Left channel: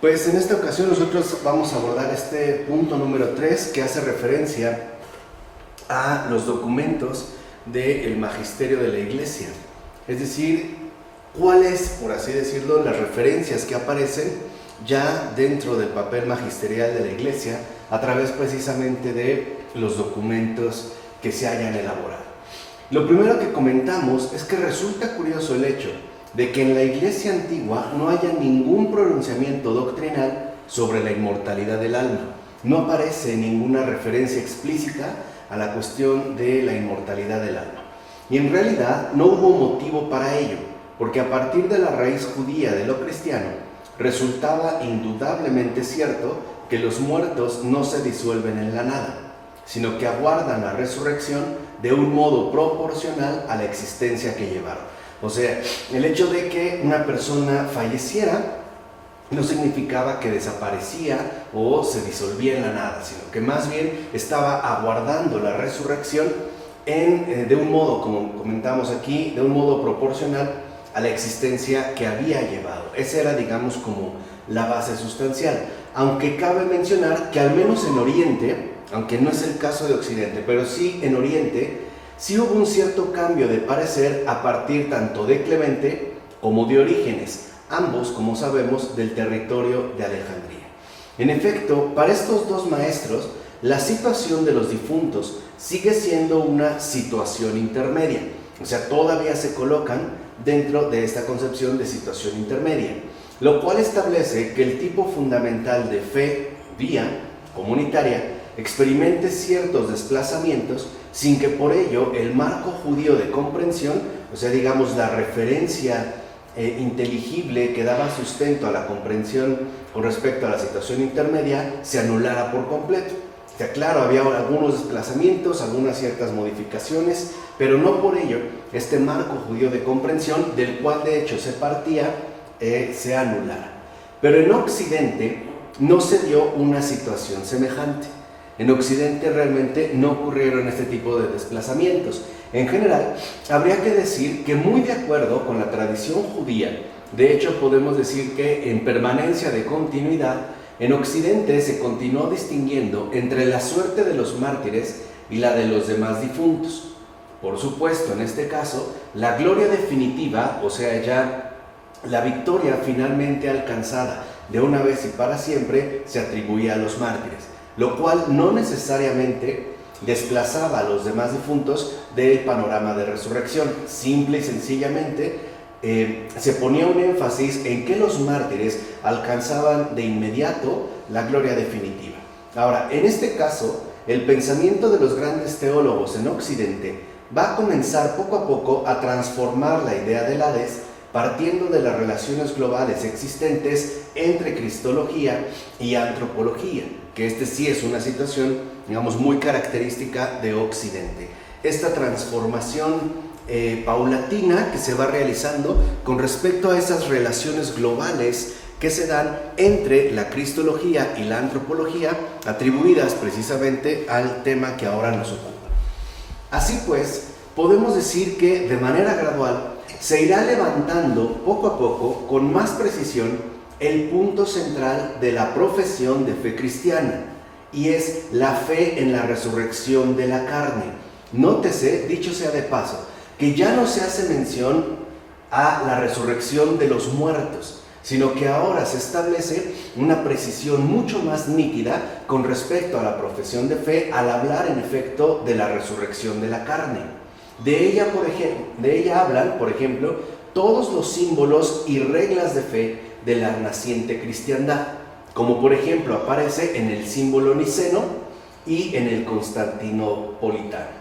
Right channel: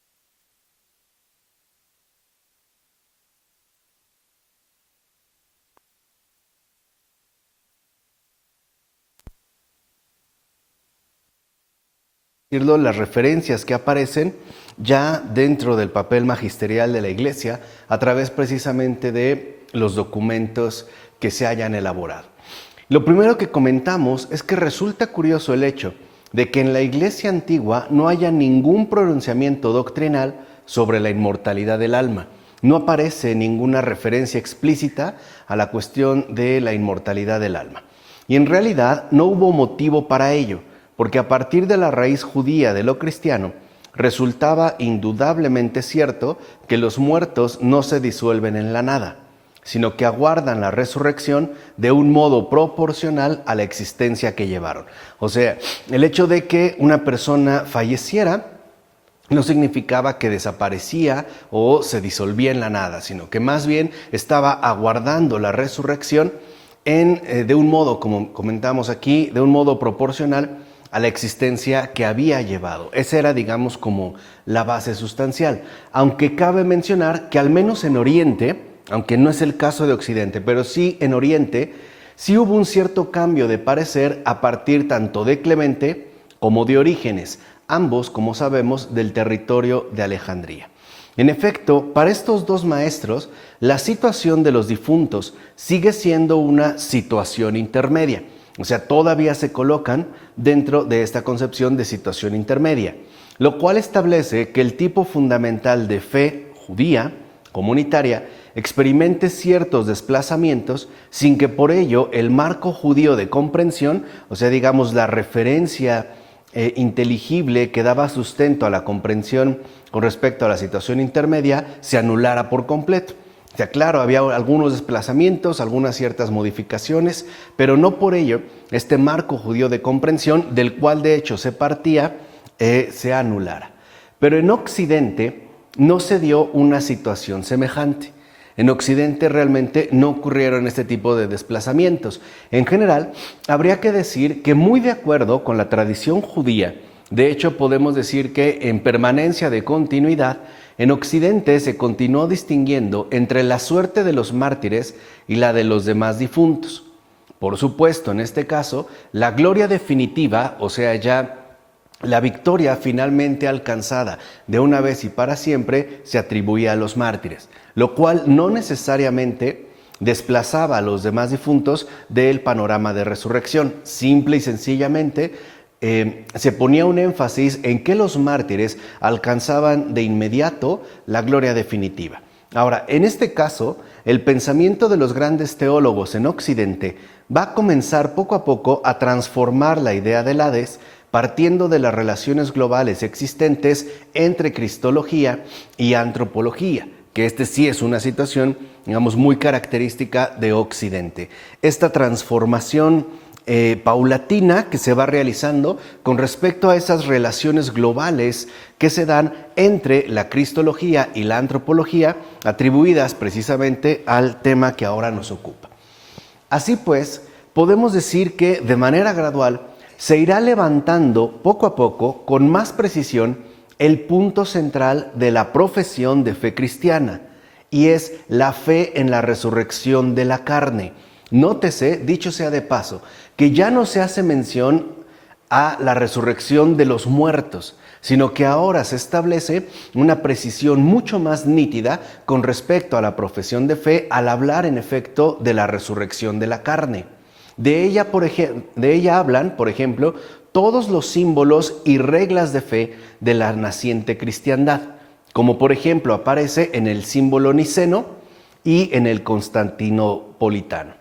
Pues en esta ocasión nosotros vamos a abordar este punto número 3 que hace referencia a los documentos del magisterio de la Iglesia. Es decir, cuáles, por así decirlo, las referencias que aparecen ya dentro del papel magisterial de la Iglesia a través precisamente de los documentos que se hayan elaborado. Lo primero que comentamos es que resulta curioso el hecho de que en la Iglesia antigua no haya ningún pronunciamiento doctrinal sobre la inmortalidad del alma. No aparece ninguna referencia explícita a la cuestión de la inmortalidad del alma. Y en realidad no hubo motivo para ello, porque a partir de la raíz judía de lo cristiano, resultaba indudablemente cierto que los muertos no se disuelven en la nada, sino que aguardan la resurrección de un modo proporcional a la existencia que llevaron. O sea, el hecho de que una persona falleciera no significaba que desaparecía o se disolvía en la nada, sino que más bien estaba aguardando la resurrección de un modo, como comentamos aquí, de un modo proporcional a la existencia que había llevado. Esa era, digamos, como la base sustancial. Aunque cabe mencionar que al menos en Oriente, aunque no es el caso de Occidente, pero sí en Oriente, sí hubo un cierto cambio de parecer a partir tanto de Clemente como de Orígenes, ambos, como sabemos, del territorio de Alejandría. En efecto, para estos dos maestros, la situación de los difuntos sigue siendo una situación intermedia, o sea, todavía se colocan dentro de esta concepción de situación intermedia, lo cual establece que el tipo fundamental de fe judía, comunitaria, experimente ciertos desplazamientos sin que por ello el marco judío de comprensión, o sea, digamos, la referencia inteligible que daba sustento a la comprensión con respecto a la situación intermedia, se anulara por completo. O sea, claro, había algunos desplazamientos, algunas ciertas modificaciones, pero no por ello este marco judío de comprensión, del cual de hecho se partía, se anulara. Pero en Occidente no se dio una situación semejante. En Occidente realmente no ocurrieron este tipo de desplazamientos. En general, habría que decir que muy de acuerdo con la tradición judía, de hecho podemos decir que en permanencia de continuidad, en Occidente se continuó distinguiendo entre la suerte de los mártires y la de los demás difuntos. Por supuesto, en este caso, la gloria definitiva, o sea, ya la victoria finalmente alcanzada de una vez y para siempre, se atribuía a los mártires, lo cual no necesariamente desplazaba a los demás difuntos del panorama de resurrección. Simple y sencillamente se ponía un énfasis en que los mártires alcanzaban de inmediato la gloria definitiva. Ahora, en este caso, el pensamiento de los grandes teólogos en Occidente va a comenzar poco a poco a transformar la idea del Hades, partiendo de las relaciones globales existentes entre cristología y antropología, que sí es una situación, digamos, muy característica de Occidente. Esta transformación paulatina que se va realizando con respecto a esas relaciones globales que se dan entre la cristología y la antropología, atribuidas precisamente al tema que ahora nos ocupa. Así pues, podemos decir que de manera gradual se irá levantando poco a poco, con más precisión, el punto central de la profesión de fe cristiana, y es la fe en la resurrección de la carne. Nótese, dicho sea de paso, que ya no se hace mención a la resurrección de los muertos, sino que ahora se establece una precisión mucho más nítida con respecto a la profesión de fe al hablar en efecto de la resurrección de la carne. De ella hablan, por ejemplo, todos los símbolos y reglas de fe de la naciente cristiandad, como por ejemplo aparece en el símbolo niceno y en el constantinopolitano.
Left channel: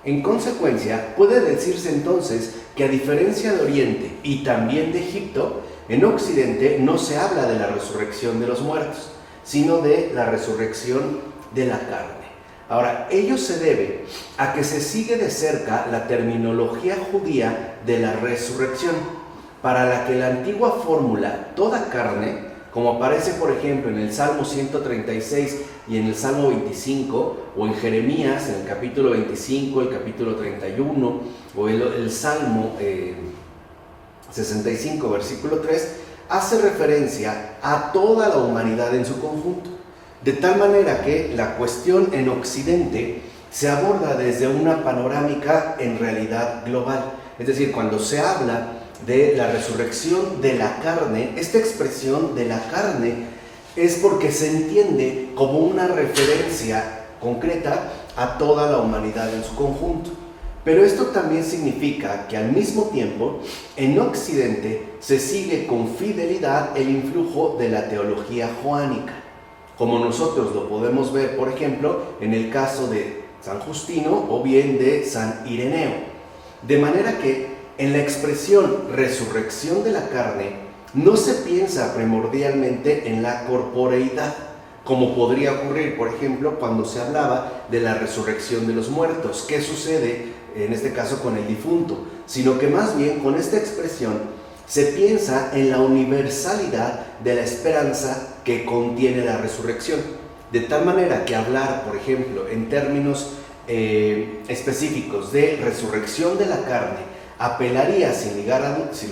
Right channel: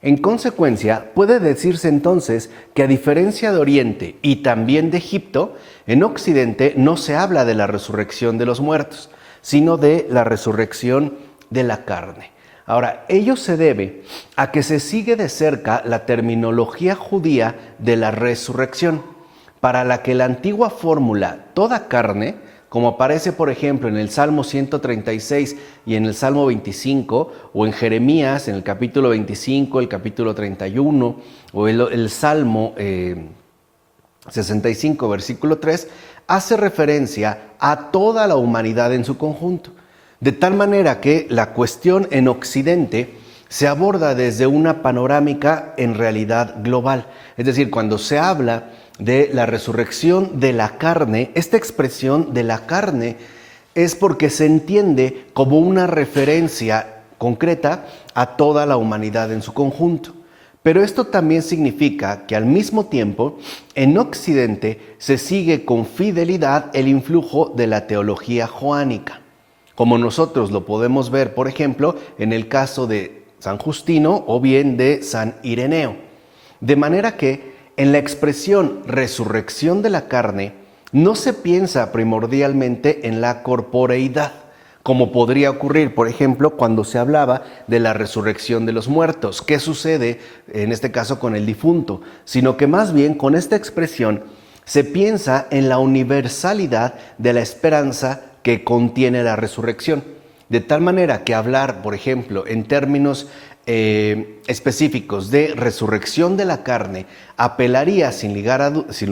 En consecuencia, puede decirse entonces que a diferencia de Oriente y también de Egipto, en Occidente no se habla de la resurrección de los muertos, sino de la resurrección de la carne. Ahora, ello se debe a que se sigue de cerca la terminología judía de la resurrección, para la que la antigua fórmula toda carne, como aparece por ejemplo en el Salmo 136 y en el Salmo 25, o en Jeremías en el capítulo 25, el capítulo 31, o el Salmo 65, versículo 3, hace referencia a toda la humanidad en su conjunto. De tal manera que la cuestión en Occidente se aborda desde una panorámica en realidad global. Es decir, cuando se habla de la resurrección de la carne, esta expresión de la carne es porque se entiende como una referencia concreta a toda la humanidad en su conjunto. Pero esto también significa que al mismo tiempo, en Occidente se sigue con fidelidad el influjo de la teología joánica, como nosotros lo podemos ver, por ejemplo, en el caso de San Justino o bien de San Ireneo. De manera que en la expresión resurrección de la carne no se piensa primordialmente en la corporeidad, como podría ocurrir, por ejemplo, cuando se hablaba de la resurrección de los muertos. ¿Qué sucede en este caso con el difunto? Sino que más bien con esta expresión se piensa en la universalidad de la esperanza que contiene la resurrección. De tal manera que hablar, por ejemplo, en términos específicos de resurrección de la carne, apelaría sin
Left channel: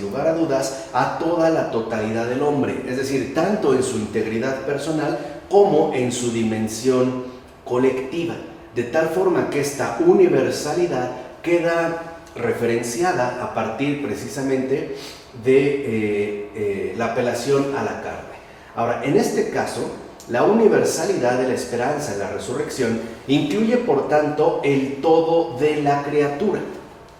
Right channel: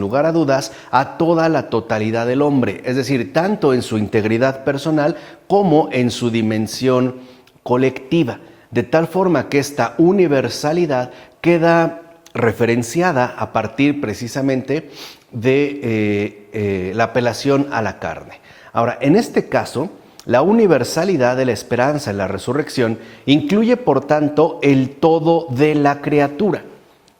lugar a dudas a toda la totalidad del hombre, es decir, tanto en su integridad personal como en su dimensión colectiva, de tal forma que esta universalidad queda referenciada a partir precisamente de la apelación a la carne. Ahora, en este caso, la universalidad de la esperanza en la resurrección incluye, por tanto, el todo de la criatura.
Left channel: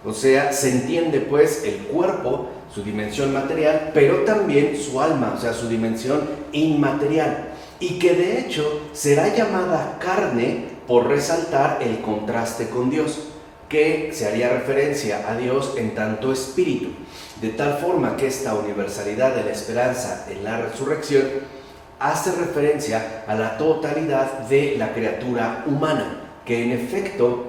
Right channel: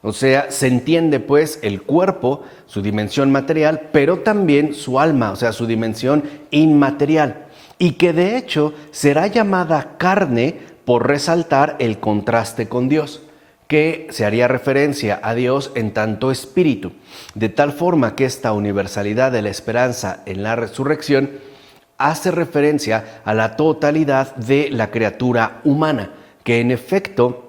O sea, se entiende pues el cuerpo, su dimensión material, pero también su alma, o sea, su dimensión inmaterial. Y que de hecho será llamada carne por resaltar el contraste con Dios, que se haría referencia a Dios en tanto espíritu. De tal forma que esta universalidad de la esperanza en la resurrección hace referencia a la totalidad de la criatura humana, que en efecto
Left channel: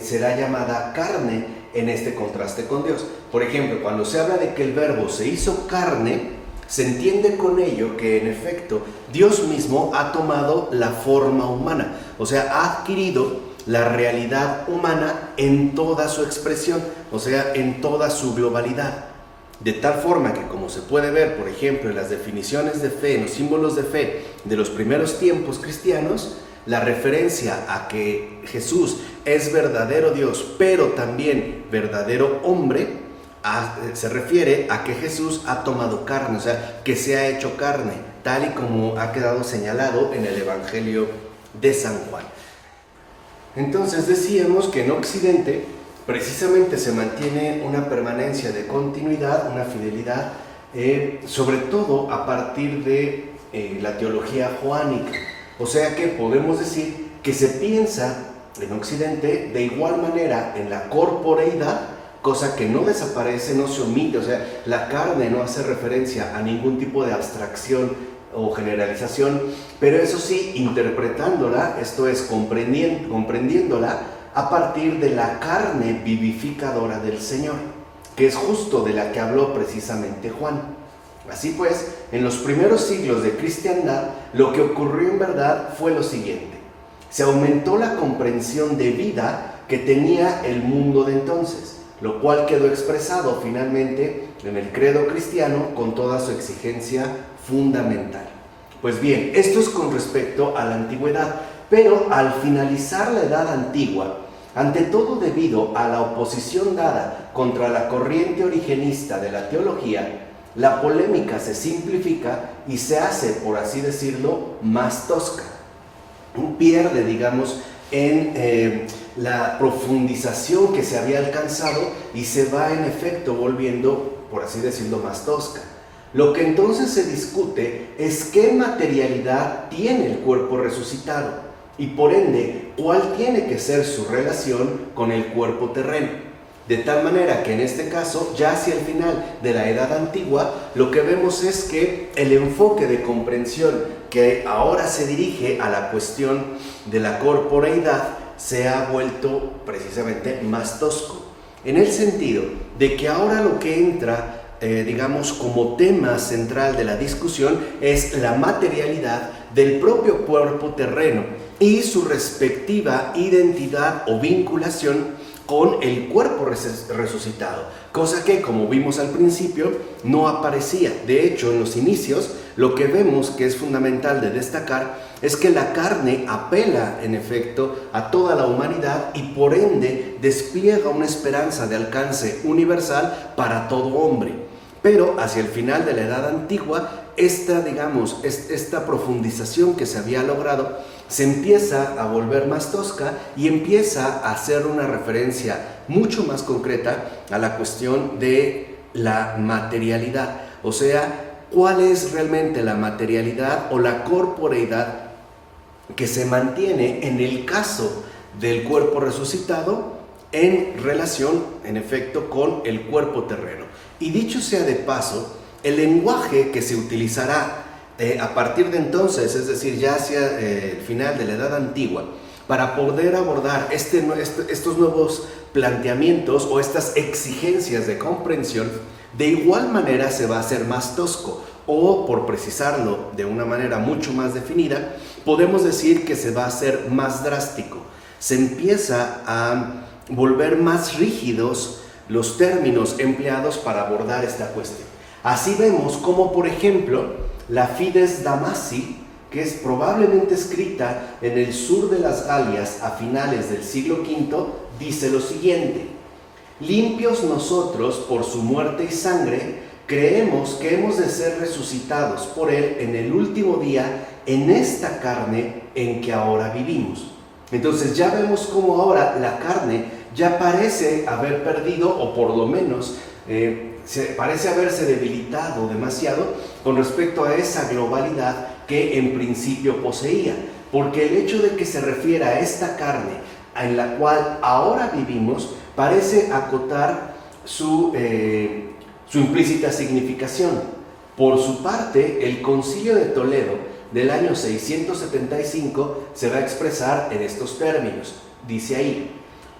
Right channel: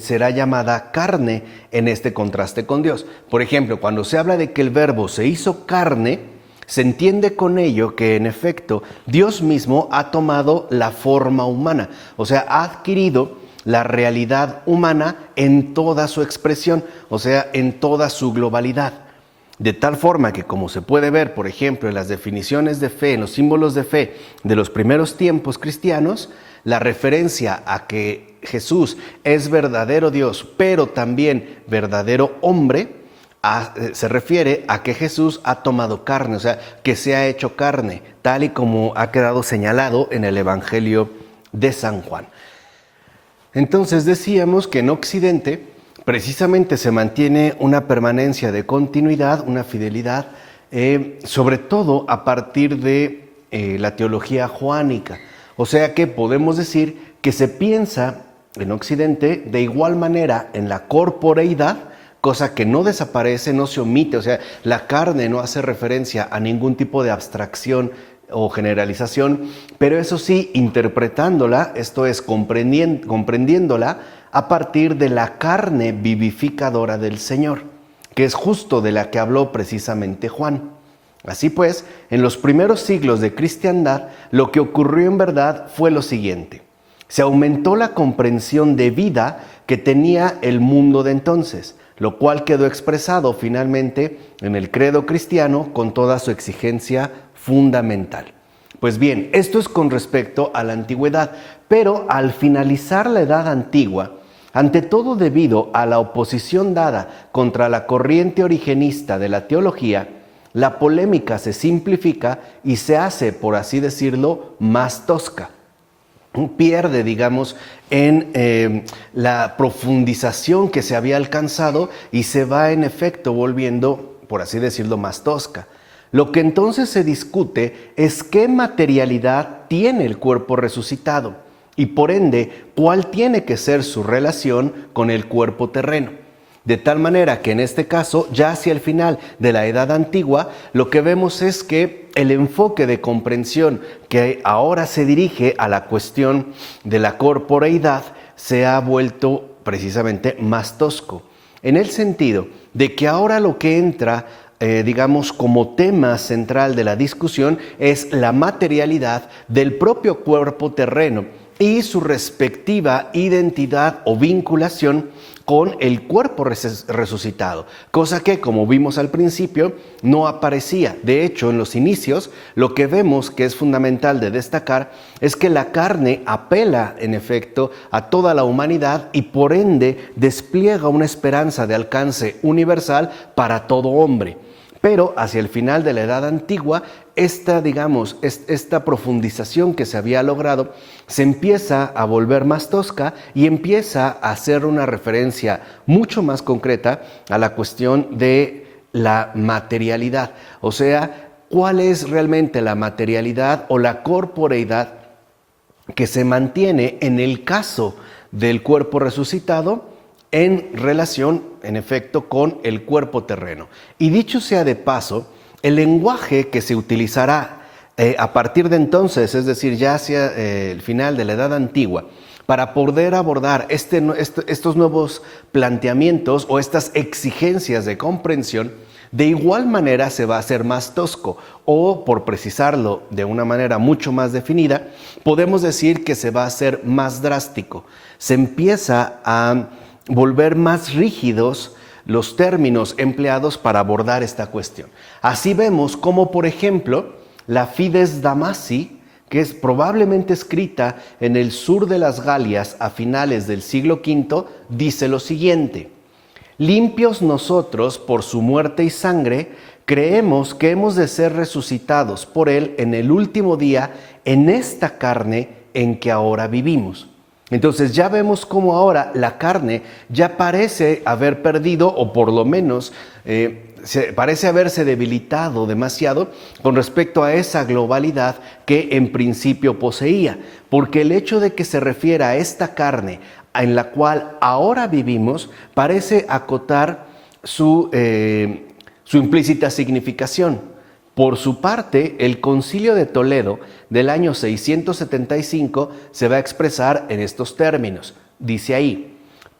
será llamada carne en este contraste con Dios. Por ejemplo, cuando se habla de que el Verbo se hizo carne, se entiende con ello que en efecto Dios mismo ha tomado la forma humana, o sea, ha adquirido la realidad humana en toda su expresión, o sea, en toda su globalidad. De tal forma que, como se puede ver, por ejemplo, en las definiciones de fe, en los símbolos de fe de los primeros tiempos cristianos, la referencia a que Jesús es verdadero Dios, pero también verdadero hombre, se refiere a que Jesús ha tomado carne, o sea, que se ha hecho carne, tal y como ha quedado señalado en el Evangelio de San Juan. Entonces decíamos que en Occidente precisamente se mantiene una permanencia de continuidad, una fidelidad, sobre todo a partir de la teología joánica. O sea que podemos decir que se piensa en Occidente de igual manera en la corporeidad, cosa que no desaparece, no se omite, o sea, la carne no hace referencia a ningún tipo de abstracción o generalización, pero eso sí, interpretándola, esto es, comprendiéndola a partir de la carne vivificadora del Señor, que es justo de la que habló precisamente Juan. Así pues, en los primeros siglos de cristiandad, lo que ocurrió en verdad fue lo siguiente: se aumentó la comprensión de vida que tenía el mundo de entonces, lo cual quedó expresado finalmente en el credo cristiano con toda su exigencia fundamental. Pues bien, esto es con respecto a la antigüedad, pero al finalizar la Edad Antigua, ante todo debido a la oposición dada contra la corriente origenista de la teología, la polémica se simplifica y se hace, por así decirlo, más tosca. Pierde, digamos, en la profundización que se había alcanzado y se va en efecto volviendo, por así decirlo, más tosca. Lo que entonces se discute es qué materialidad tiene el cuerpo resucitado y por ende cuál tiene que ser su relación con el cuerpo terreno. De tal manera que en este caso, ya hacia el final de la Edad Antigua, lo que vemos es que el enfoque de comprensión que ahora se dirige a la cuestión de la corporeidad se ha vuelto precisamente más tosco, en el sentido de que ahora lo que entra, digamos, como tema central de la discusión es la materialidad del propio cuerpo terreno y su respectiva identidad o vinculación con el cuerpo resucitado, cosa que, como vimos al principio, no aparecía. De hecho, en los inicios, lo que vemos que es fundamental de destacar es que la carne apela, en efecto, a toda la humanidad y por ende despliega una esperanza de alcance universal para todo hombre. Pero hacia el final de la Edad Antigua, esta profundización que se había logrado se empieza a volver más tosca y empieza a hacer una referencia mucho más concreta a la cuestión de la materialidad. O sea, ¿cuál es realmente la materialidad o la corporeidad que se mantiene en el caso del cuerpo resucitado en relación, en efecto, con el cuerpo terreno? Y dicho sea de paso, el lenguaje que se utilizará a partir de entonces, es decir, ya hacia el final de la Edad Antigua, para poder abordar estos nuevos planteamientos o estas exigencias de comprensión, de igual manera se va a hacer más tosco, o por precisarlo de una manera mucho más definida, podemos decir que se va a hacer más drástico. Se empieza a volver más rígidos los términos empleados para abordar esta cuestión. Así vemos como, por ejemplo, la Fides Damasi, que es probablemente escrita en el sur de las Galias a finales del siglo V, dice lo siguiente: limpios nosotros por su muerte y sangre, creemos que hemos de ser resucitados por él en el último día, en esta carne en que ahora vivimos. Entonces ya vemos cómo ahora la carne ya parece haber perdido, o por lo menos parece haberse debilitado demasiado con respecto a esa globalidad que en principio poseía. Porque el hecho de que se refiera a esta carne en la cual ahora vivimos parece acotar su implícita significación. Por su parte, el Concilio de Toledo del año 675 se va a expresar en estos términos. Dice ahí:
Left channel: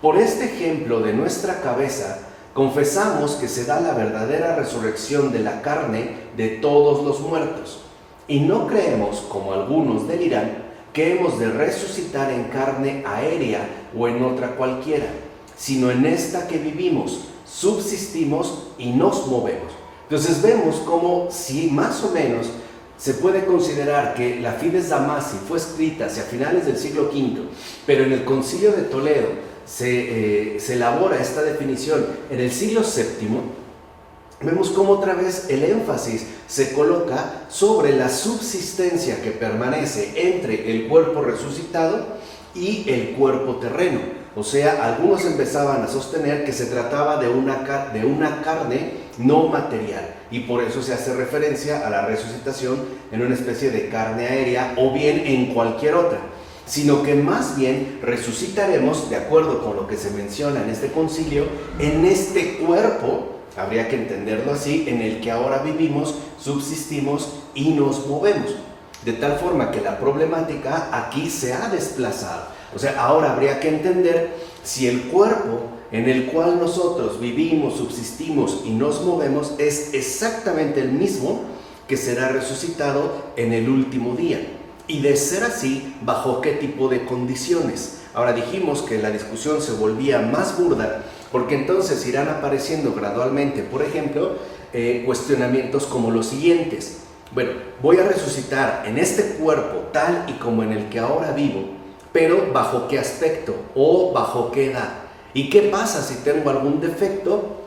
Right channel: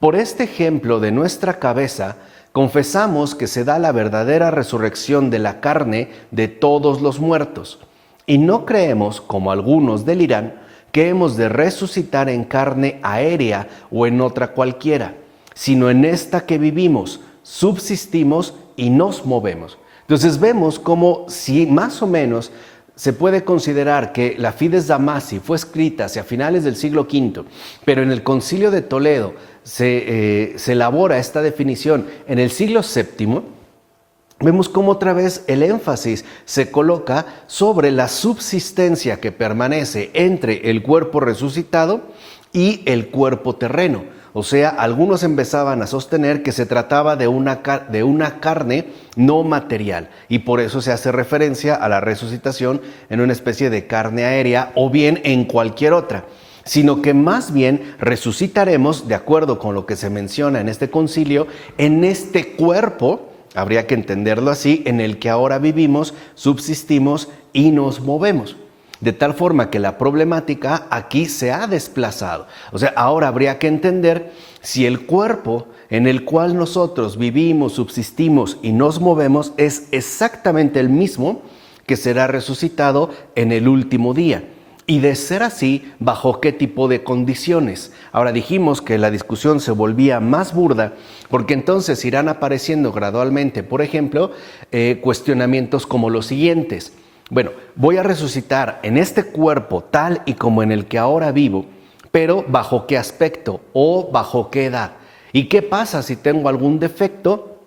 por este ejemplo de nuestra cabeza, confesamos que se da la verdadera resurrección de la carne de todos los muertos, y no creemos, como algunos delirán, que hemos de resucitar en carne aérea o en otra cualquiera, sino en esta que vivimos, subsistimos y nos movemos. Entonces vemos como si más o menos se puede considerar que la Fides Damasi fue escrita hacia finales del siglo V, pero en el Concilio de Toledo se elabora esta definición en el siglo VII. Vemos cómo otra vez el énfasis se coloca sobre la subsistencia que permanece entre el cuerpo resucitado y el cuerpo terreno. O sea, algunos empezaban a sostener que se trataba de una carne no material, y por eso se hace referencia a la resucitación en una especie de carne aérea o bien en cualquier otra, sino que más bien resucitaremos, de acuerdo con lo que se menciona en este concilio, en este cuerpo, habría que entenderlo así, en el que ahora vivimos, subsistimos y nos movemos. De tal forma que la problemática aquí se ha desplazado. O sea, ahora habría que entender si el cuerpo en el cual nosotros vivimos, subsistimos y nos movemos es exactamente el mismo que será resucitado en el último día. Y de ser así, ¿bajo qué tipo de condiciones? Ahora dijimos que la discusión se volvía más burda porque entonces irán apareciendo gradualmente, por ejemplo, cuestionamientos como los siguientes. Bueno, voy a resucitar en este cuerpo tal y como en el que ahora vivo, pero ¿bajo qué aspecto o bajo qué edad? ¿Y qué pasa si tengo algún defecto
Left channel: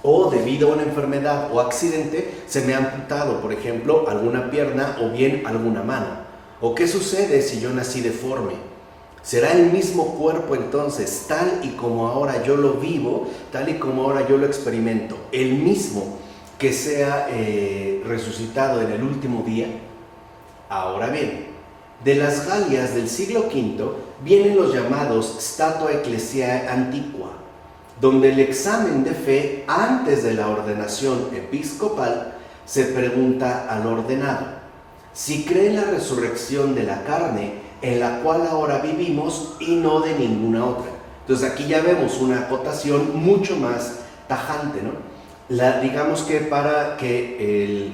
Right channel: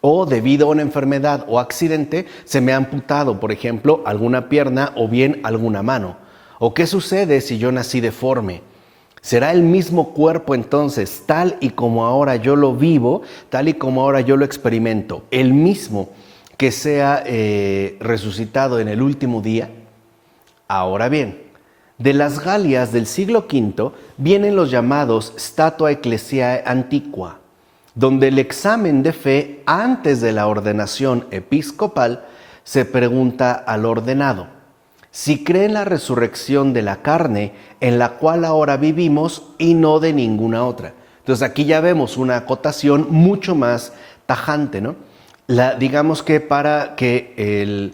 o debido a una enfermedad o accidente se me ha amputado, por ejemplo, alguna pierna o bien alguna mano? ¿O qué sucede si yo nací deforme? ¿Será el mismo cuerpo entonces, tal y como ahora yo lo vivo, tal y como ahora yo lo experimento, el mismo que sea resucitado en el último día? Ahora bien, de las Galias del siglo V vienen los llamados Statua Ecclesiae Antiqua, donde el examen de fe antes de la ordenación episcopal se pregunta al ordenado si cree en la resurrección de la carne en la cual ahora vivimos y no de ninguna otra. Entonces aquí ya vemos una acotación mucho más tajante, ¿no? Digamos que para que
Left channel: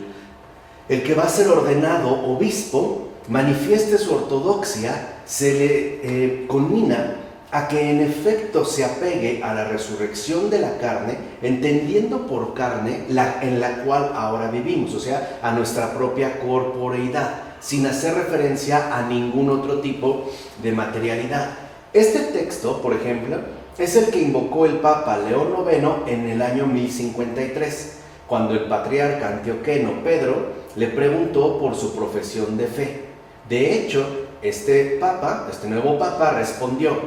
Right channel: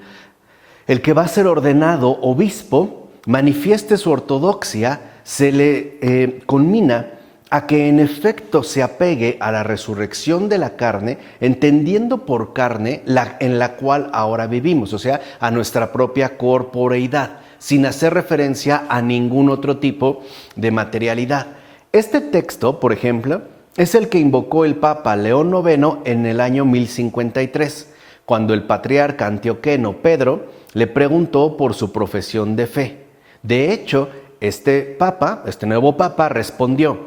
el que va a ser ordenado obispo manifieste su ortodoxia, se le conmina a que en efecto se apegue a la resurrección de la carne, entendiendo por carne en la cual ahora vivimos, o sea, a nuestra propia corporeidad, sin hacer referencia a ningún otro tipo de materialidad. Este texto, por ejemplo, es el que invocó el Papa León IX en el año 1053, cuando el patriarca antioqueno Pedro le preguntó por su profesión de fe. De hecho, este nuevo Papa respondió:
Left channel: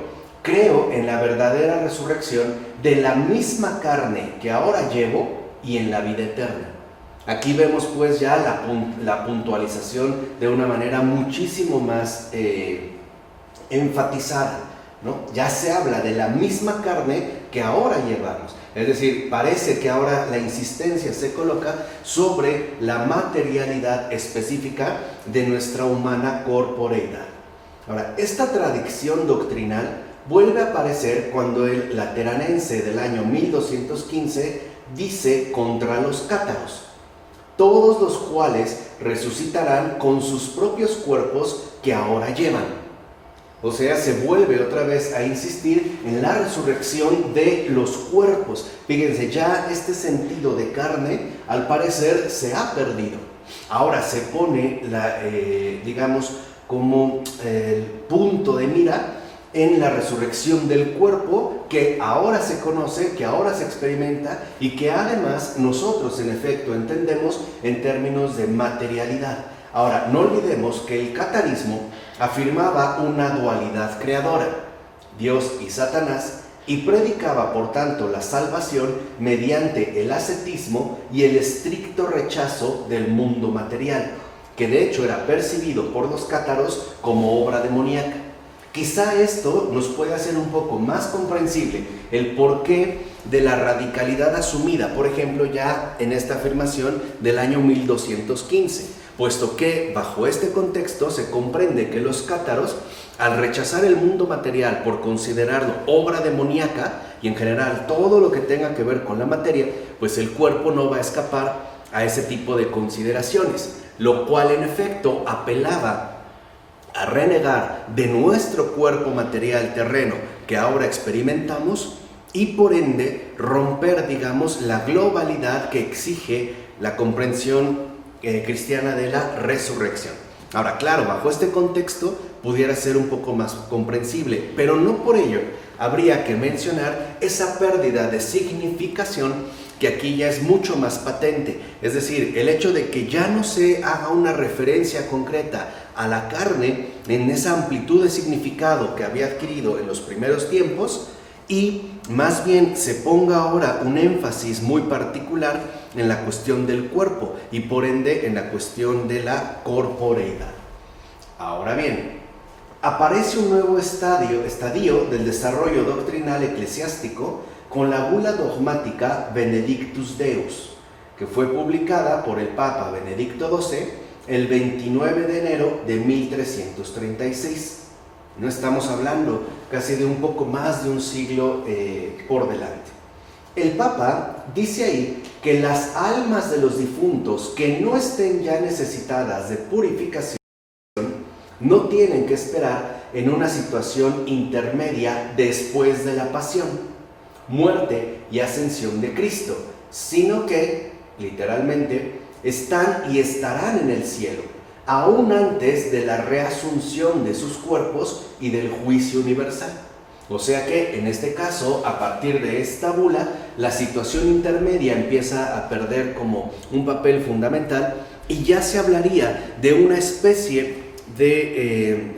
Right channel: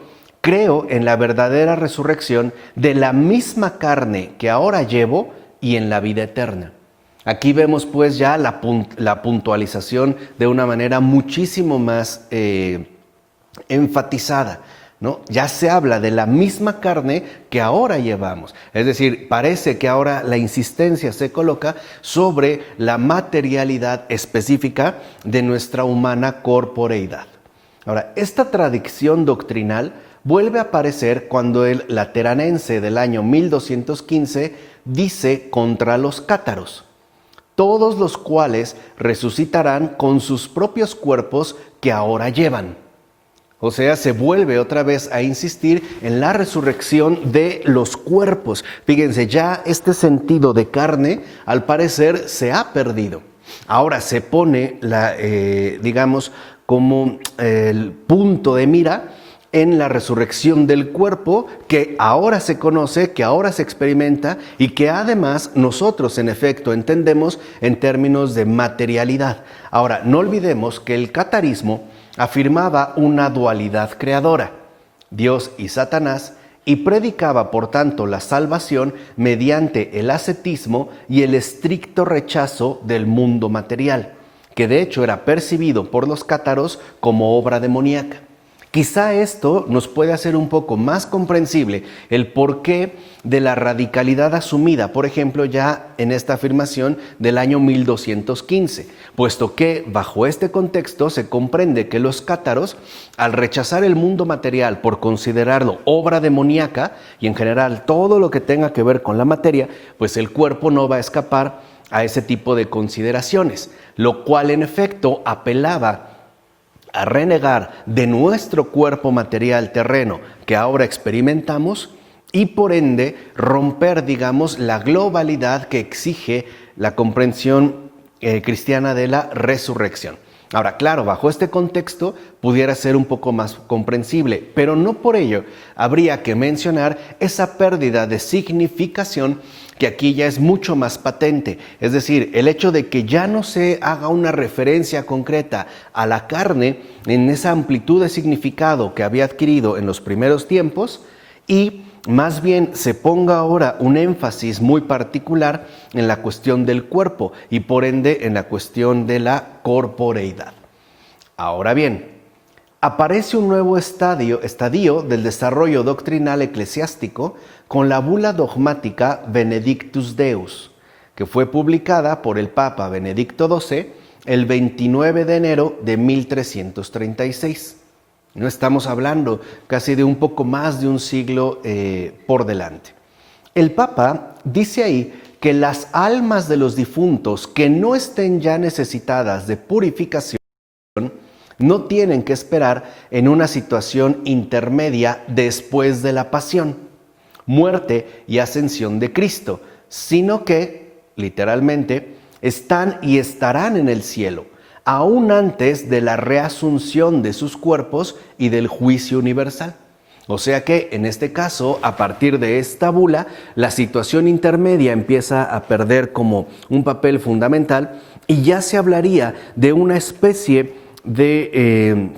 creo en la verdadera resurrección de la misma carne que ahora llevo y en la vida eterna. Aquí vemos pues ya la puntualización de una manera muchísimo más enfatizada, ¿no? Ya se habla de la misma carne que ahora llevamos. Es decir, parece que ahora la insistencia se coloca sobre la materialidad específica de nuestra humana corporeidad. Ahora, esta tradición doctrinal vuelve a aparecer cuando el Lateranense del año 1215 dice contra los cátaros: todos los cuales resucitarán con sus propios cuerpos que ahora llevan. O sea, se vuelve otra vez a insistir en la resurrección de los cuerpos. Fíjense, ya este sentido de carne, al parecer, se ha perdido. Ahora se pone, digamos, como el punto de mira en la resurrección del cuerpo, que ahora se conoce, que ahora se experimenta y que además nosotros en efecto entendemos en términos de materialidad. Ahora, no olvidemos que el catarismo afirmaba una dualidad creadora, Dios y Satanás, y predicaba por tanto la salvación mediante el ascetismo y el estricto rechazo del mundo material, que de hecho era percibido por los cátaros como obra demoníaca. Quizá esto nos puede hacer un poco más comprensible el porqué de la radicalidad asumida, por ejemplo, ya en esta afirmación del año 1215, puesto que bajo este contexto se comprende que los cátaros, al rechazar el mundo material por considerarlo obra demoníaca y en general todo lo que tenga que ver con la materia, pues el cuerpo no va a escapar a ese tipo de consideraciones, lo cual en efecto apelaba a renegar de nuestro cuerpo material terreno que ahora experimentamos y por ende romper, digamos, la globalidad que exige la comprensión cristiana de la resurrección. Ahora, claro, bajo este contexto pudiera ser un poco más comprensible, pero no por ello habría que mencionar esa pérdida de significación que aquí ya es mucho más patente. Es decir, el hecho de que ya no se haga una referencia concreta a la carne en esa amplitud de significado que había adquirido en los primeros tiempos y más bien se ponga ahora un énfasis muy particular en la cuestión del cuerpo y por ende en la cuestión de la corporeidad. Ahora bien, aparece un nuevo estadio del desarrollo doctrinal eclesiástico con la bula dogmática Benedictus Deus, que fue publicada por el Papa Benedicto XII el 29 de enero de 1336. No estamos hablando casi de un poco más de un siglo por delante. El Papa dice ahí que las almas de los difuntos que no estén ya necesitadas de purificación no tienen que esperar en una situación intermedia después de la pasión, muerte y ascensión de Cristo, sino que, literalmente, están y estarán en el cielo, aún antes de la reasunción de sus cuerpos y del juicio universal. O sea que, en este caso, a partir de esta bula, la situación intermedia empieza a perder como un papel fundamental y ya se hablaría de una especie de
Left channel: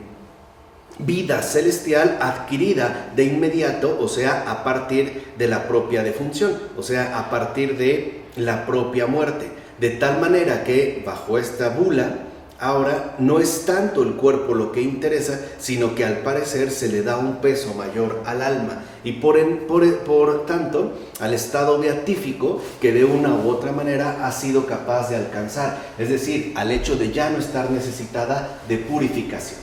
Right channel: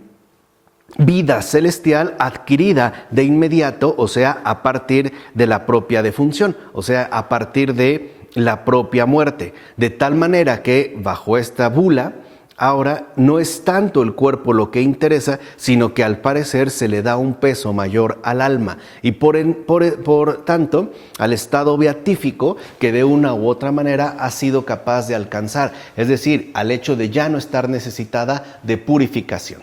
vida celestial adquirida de inmediato, o sea, a partir de la propia defunción, o sea, a partir de la propia muerte, de tal manera que bajo esta bula ahora no es tanto el cuerpo lo que interesa, sino que al parecer se le da un peso mayor al alma y por tanto al estado beatífico que de una u otra manera ha sido capaz de alcanzar, es decir, al hecho de ya no estar necesitada de purificación.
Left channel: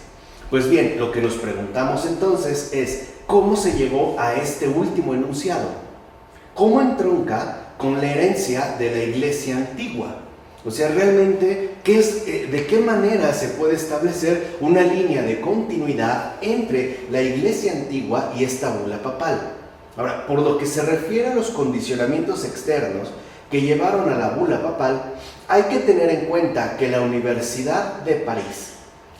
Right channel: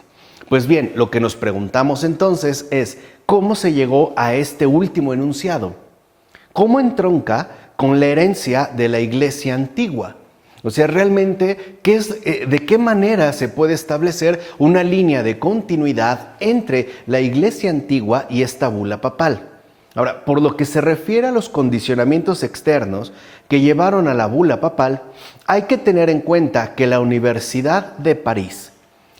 Pues bien, lo que nos preguntamos entonces es, ¿cómo se llegó a este último enunciado? ¿Cómo entronca con la herencia de la Iglesia antigua? O sea, realmente, ¿de qué manera se puede establecer una línea de continuidad entre la Iglesia antigua y esta bula papal? Ahora, por lo que se refiere a los condicionamientos externos que llevaron a la bula papal, hay que tener en cuenta que la Universidad de París,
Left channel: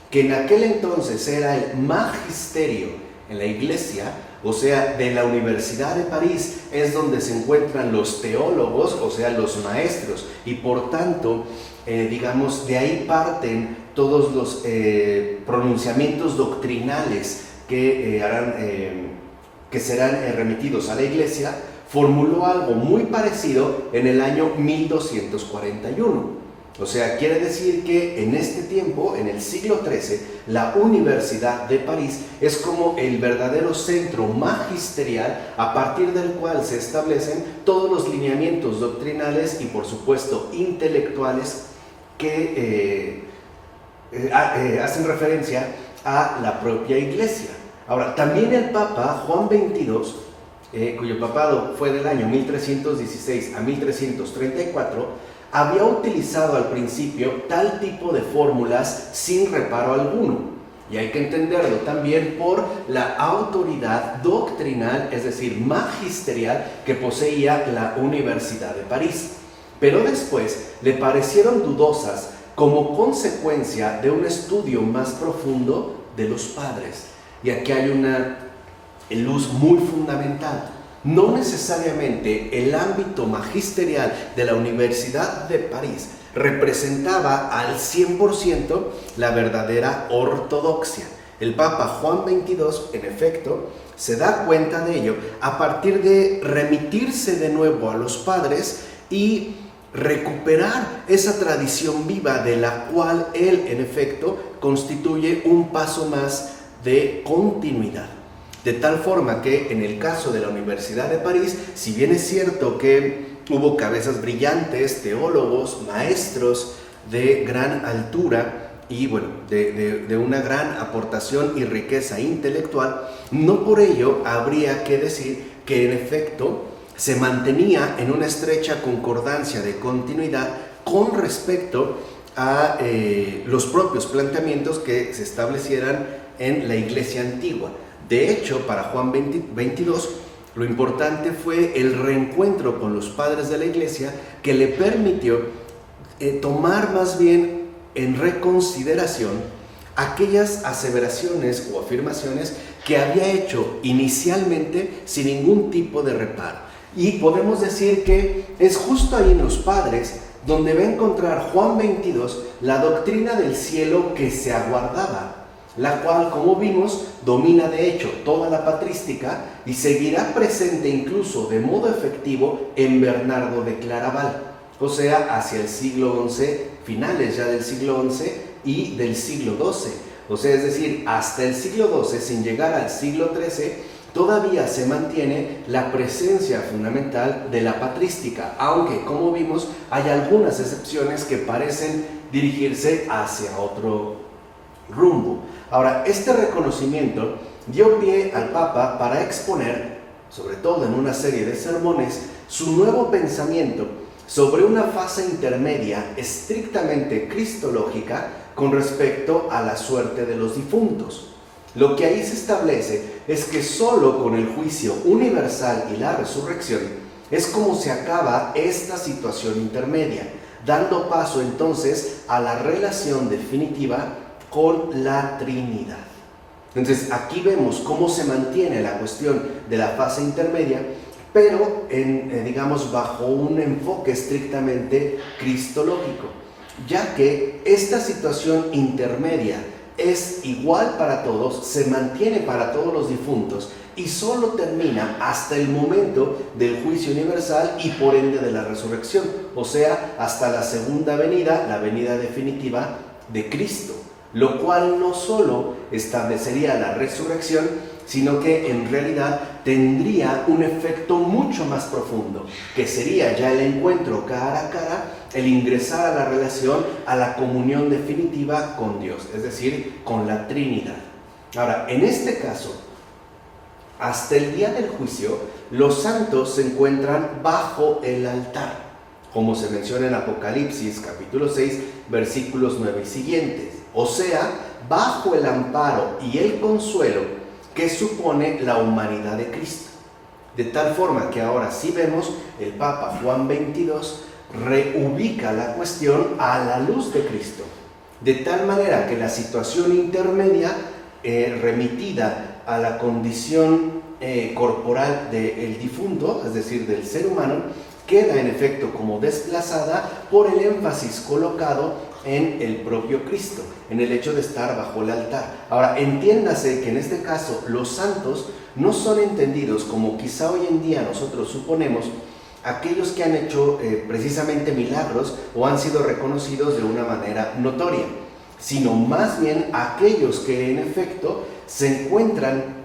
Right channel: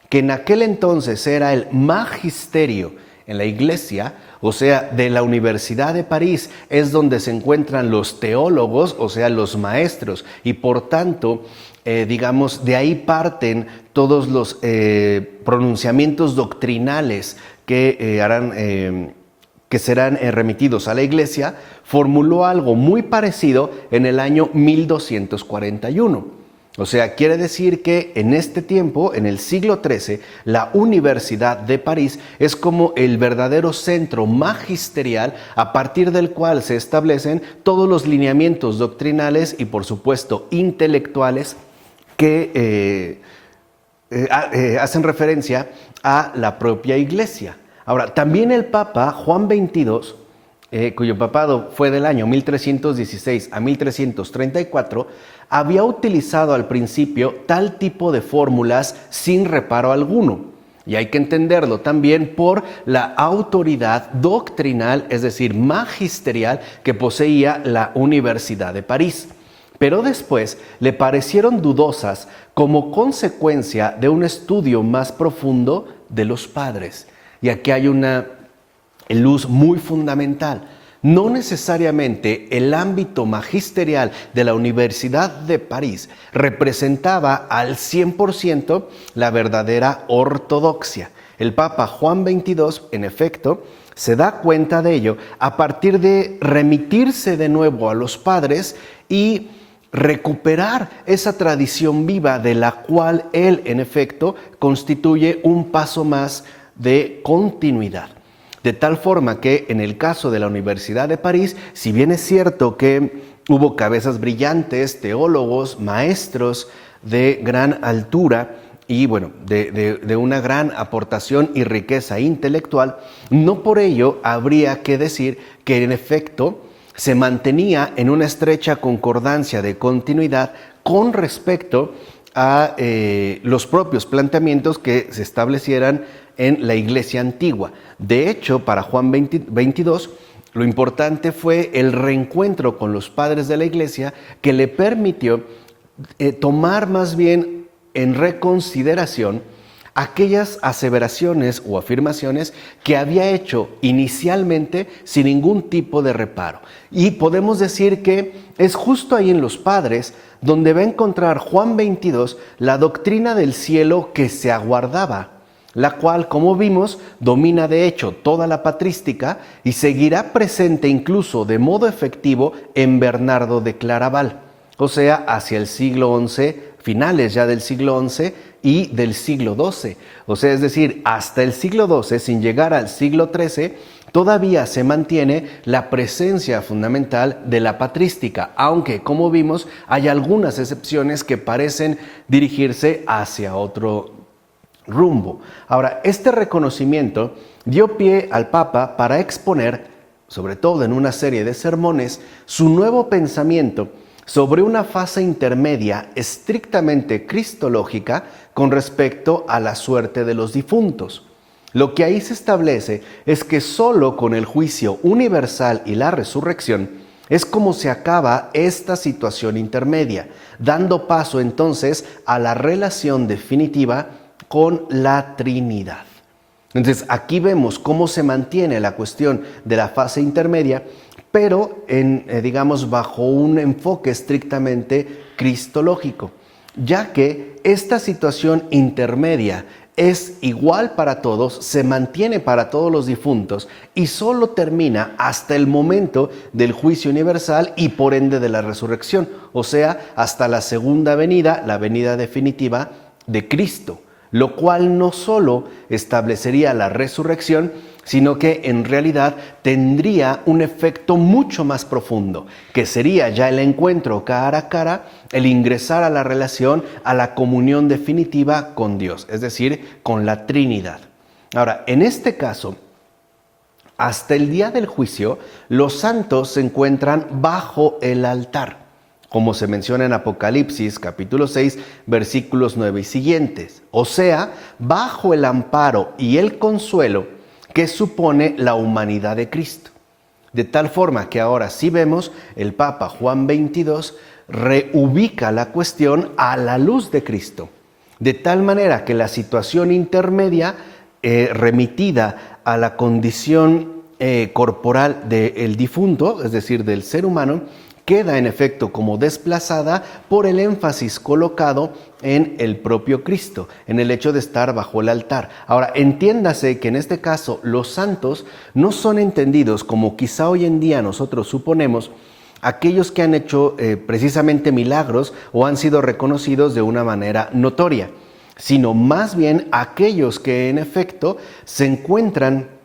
que en aquel entonces era el magisterio en la Iglesia, o sea, de la Universidad de París es donde se encuentran los teólogos, o sea, los maestros, y por tanto, digamos, de ahí parten todos los pronunciamientos doctrinales que serán remitidos a la Iglesia. Formuló algo muy parecido en el año 1241. O sea, quiere decir que en este tiempo, en el siglo XIII, la Universidad de París es como el verdadero centro magisterial a partir del cual se establecen todos los lineamientos doctrinales y, por supuesto, intelectuales que hacen referencia a la propia Iglesia. Ahora, también el Papa Juan XXII, cuyo papado fue del año 1316 a 1334, había utilizado al principio tal tipo de fórmulas sin reparo alguno. Y hay que entenderlo también por la autoridad doctrinal, es decir, magisterial, que poseía la Universidad de París. Pero después le parecieron dudosas como consecuencia de un estudio más profundo de los padres. Y aquí hay una luz muy fundamental. No necesariamente el ámbito magisterial de la Universidad de París representaba al 100% la verdadera ortodoxia. El Papa Juan XXII, en efecto, se da cuenta de ello a partir de remitirse de nuevo a los padres y recuperar esa tradición viva de la cual él, en efecto, constituye un paso más de continuidad. De tal forma que en el caso de la Universidad de París, si bien es cierto que hubo cabezas brillantes, teólogos, maestros de gran altura y bueno, de una gran aportación y riqueza intelectual, no por ello habría que decir que en efecto se mantenía en una estrecha concordancia de continuidad con respecto a los propios planteamientos que se establecieran en la Iglesia antigua. De hecho, para Juan XXII, lo importante fue el reencuentro con los padres de la Iglesia que le permitió tomar más bien en reconsideración aquellas aseveraciones o afirmaciones que había hecho inicialmente sin ningún tipo de reparo. Y podemos decir que es justo ahí en los padres donde va a encontrar Juan XXII la doctrina del cielo que se aguardaba, la cual, como vimos, domina de hecho toda la patrística y seguirá presente incluso de modo efectivo en Bernardo de Claraval, o sea, hacia el siglo XI, finales ya del siglo XI y del siglo XII. O sea, es decir, hasta el siglo XII, sin llegar al siglo XIII, todavía se mantiene la presencia fundamental de la patrística, aunque, como vimos, hay algunas excepciones que parecen dirigirse hacia otro rumbo. Ahora, este reconocimiento dio pie al Papa para exponer, sobre todo en una serie de sermones, su nuevo pensamiento sobre una fase intermedia estrictamente cristológica con respecto a la suerte de los difuntos. Lo que ahí se establece es que solo con el juicio universal y la resurrección es como se acaba esta situación intermedia, dando paso entonces a la relación definitiva con la Trinidad. Entonces aquí vemos cómo se mantiene la cuestión de la fase intermedia, pero digamos bajo un enfoque estrictamente cristológico, ya que esta situación intermedia es igual para todos, se mantiene para todos los difuntos y solo termina hasta el momento del juicio universal y por ende de la resurrección, o sea, hasta la segunda venida, la venida definitiva de Cristo, lo cual no solo establecería la resurrección, sino que en realidad tendría un efecto mucho más profundo, que sería ya el encuentro cara a cara, el ingresar a la relación, a la comunión definitiva con Dios, es decir, con la Trinidad. Ahora, en este caso, hasta el día del juicio, los santos se encuentran bajo el altar. como se menciona en Apocalipsis capítulo 6, versículos 9 y siguientes. O sea, bajo el amparo y el consuelo que supone la humanidad de Cristo. De tal forma que ahora sí vemos, el Papa Juan XXII reubica la cuestión a la luz de Cristo. De tal manera que la situación intermedia remitida a la condición corporal del difunto, es decir, del ser humano, queda en efecto como desplazada por el énfasis colocado en el propio Cristo, en el hecho de estar bajo el altar. Ahora, entiéndase que en este caso los santos no son entendidos como quizá hoy en día nosotros suponemos, aquellos que han hecho precisamente milagros o han sido reconocidos de una manera notoria, sino más bien aquellos que en efecto se encuentran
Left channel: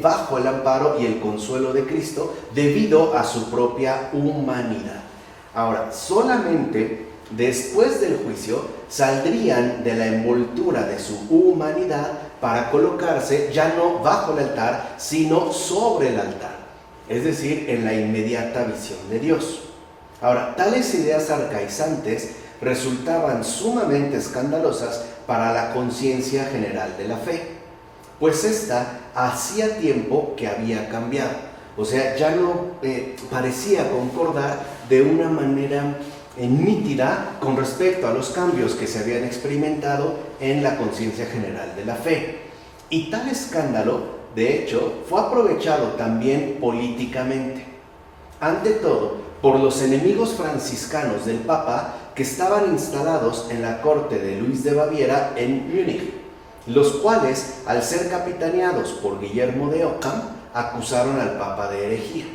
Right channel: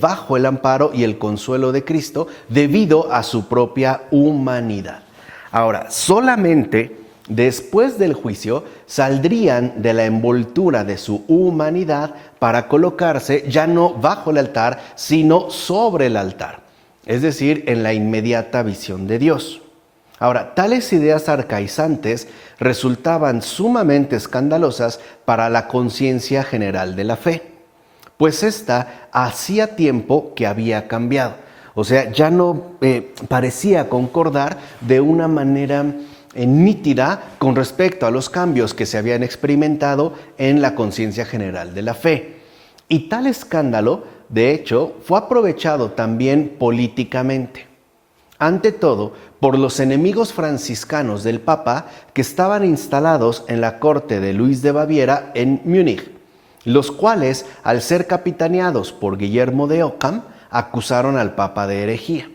bajo el amparo y el consuelo de Cristo debido a su propia humanidad. Ahora, solamente después del juicio saldrían de la envoltura de su humanidad para colocarse ya no bajo el altar, sino sobre el altar, es decir, en la inmediata visión de Dios. Ahora, tales ideas arcaizantes resultaban sumamente escandalosas para la conciencia general de la fe, pues ésta hacía tiempo que había cambiado. O sea, ya no parecía concordar de una manera nítida con respecto a los cambios que se habían experimentado en la conciencia general de la fe. Y tal escándalo, de hecho, fue aprovechado también políticamente. Ante todo, por los enemigos franciscanos del Papa que estaban instalados en la corte de Luis de Baviera en Múnich, los cuales, al ser capitaneados por Guillermo de Ockham, acusaron al Papa de herejía.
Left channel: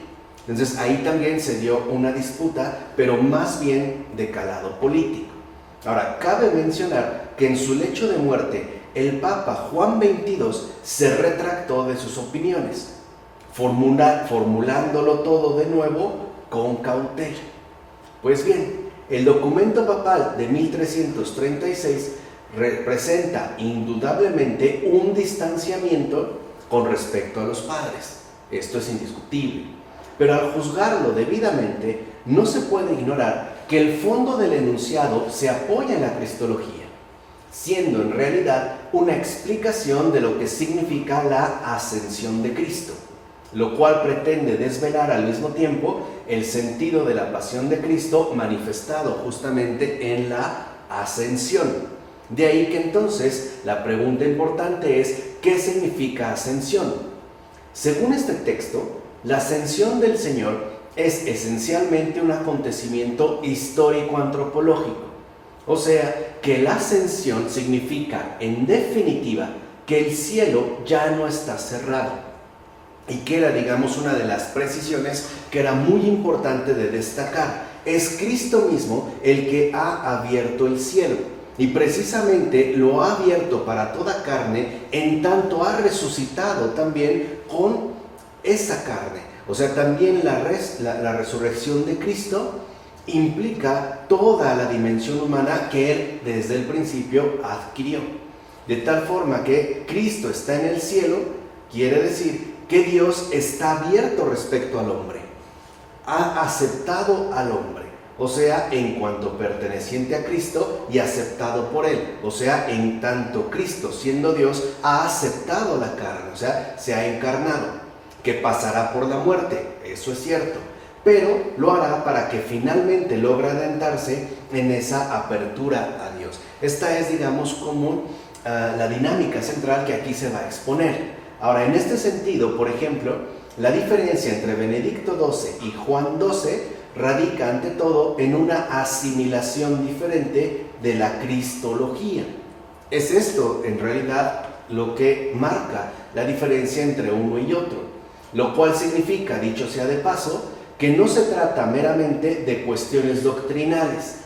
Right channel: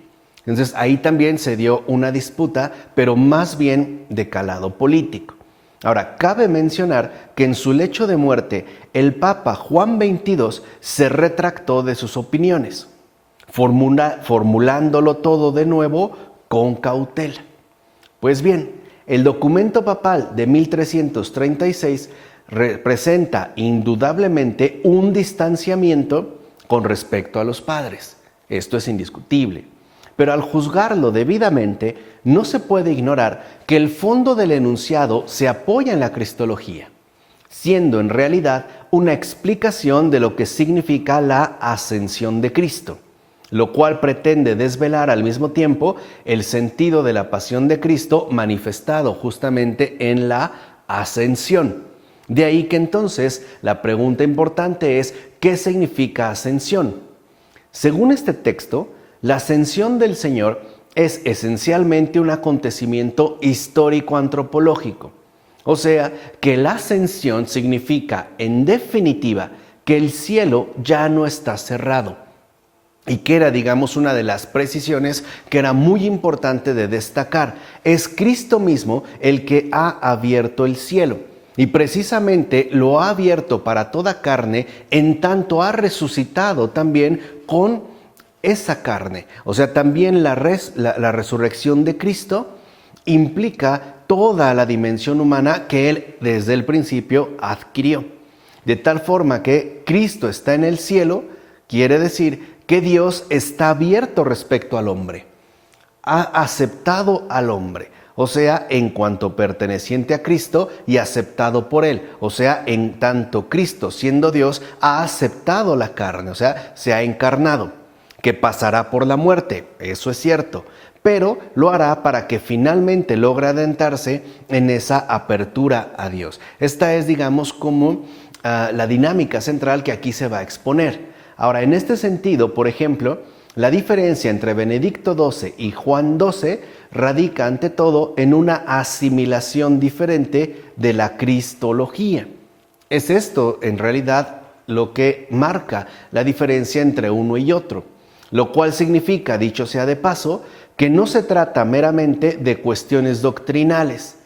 Entonces ahí también se dio una disputa, pero más bien de calado político. Ahora, cabe mencionar que en su lecho de muerte, el Papa Juan XXII se retractó de sus opiniones, formulándolo todo de nuevo con cautela. Pues bien, el documento papal de 1336 representa indudablemente un distanciamiento con respecto a los padres. Esto es indiscutible. Pero al juzgarlo debidamente, no se puede ignorar que el fondo del enunciado se apoya en la cristología, siendo en realidad una explicación de lo que significa la ascensión de Cristo, lo cual pretende desvelar al mismo tiempo el sentido de la pasión de Cristo manifestado justamente en la ascensión. De ahí que entonces la pregunta importante es, ¿qué significa ascensión? Según este texto, la ascensión del Señor es esencialmente un acontecimiento histórico-antropológico. O sea, que la ascensión significa, en definitiva, que el cielo ya no está cerrado. Y que era, digamos, una de las precisiones que era muy importante de destacar. Es Cristo mismo el que ha abierto el cielo. Y precisamente lo ha abierto para toda carne, en tanto ha resucitado también con esa carne. O sea, también la resurrección de Cristo implica toda la dimensión humana que Él desde el principio adquirió. De tal forma que Cristo está en el cielo, quiere decir que Dios está abierto respecto al hombre. Ha aceptado al hombre. O sea, en cuanto perteneciente a Cristo y aceptado por Él. O sea, en tanto Cristo, siendo Dios, ha aceptado la carne. O sea, se ha encarnado. Que pasará por la muerte, eso es cierto, pero lo hará para que finalmente logre adentrarse en esa apertura a Dios. Esta es, digamos, como la dinámica central que aquí se va a exponer. Ahora, en este sentido, por ejemplo, la diferencia entre Benedicto XII y Juan XII radica ante todo en una asimilación diferente de la cristología. Es esto, en realidad, lo que marca la diferencia entre uno y otro. Lo cual significa, dicho sea de paso, que no se trata meramente de cuestiones doctrinales,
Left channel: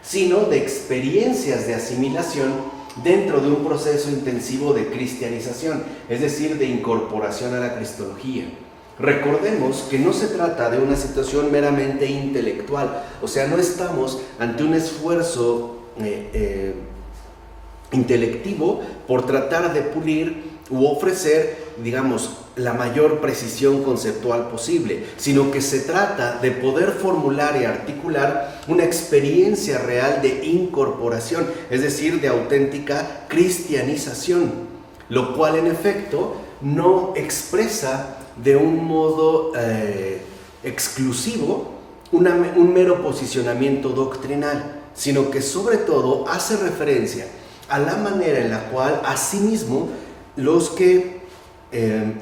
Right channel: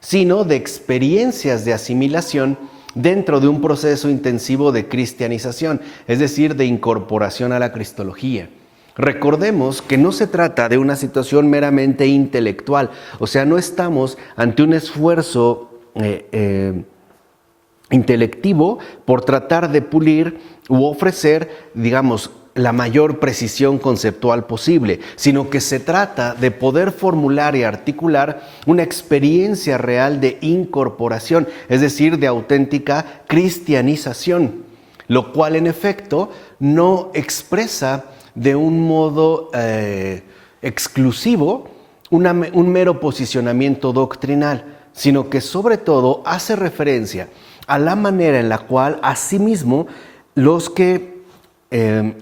sino de experiencias de asimilación dentro de un proceso intensivo de cristianización, es decir, de incorporación a la cristología. Recordemos que no se trata de una situación meramente intelectual, o sea, no estamos ante un esfuerzo intelectivo por tratar de pulir u ofrecer, digamos, la mayor precisión conceptual posible, sino que se trata de poder formular y articular una experiencia real de incorporación, es decir, de auténtica cristianización, lo cual en efecto no expresa de un modo exclusivo un mero posicionamiento doctrinal, sino que sobre todo hace referencia a la manera en la cual asimismo los que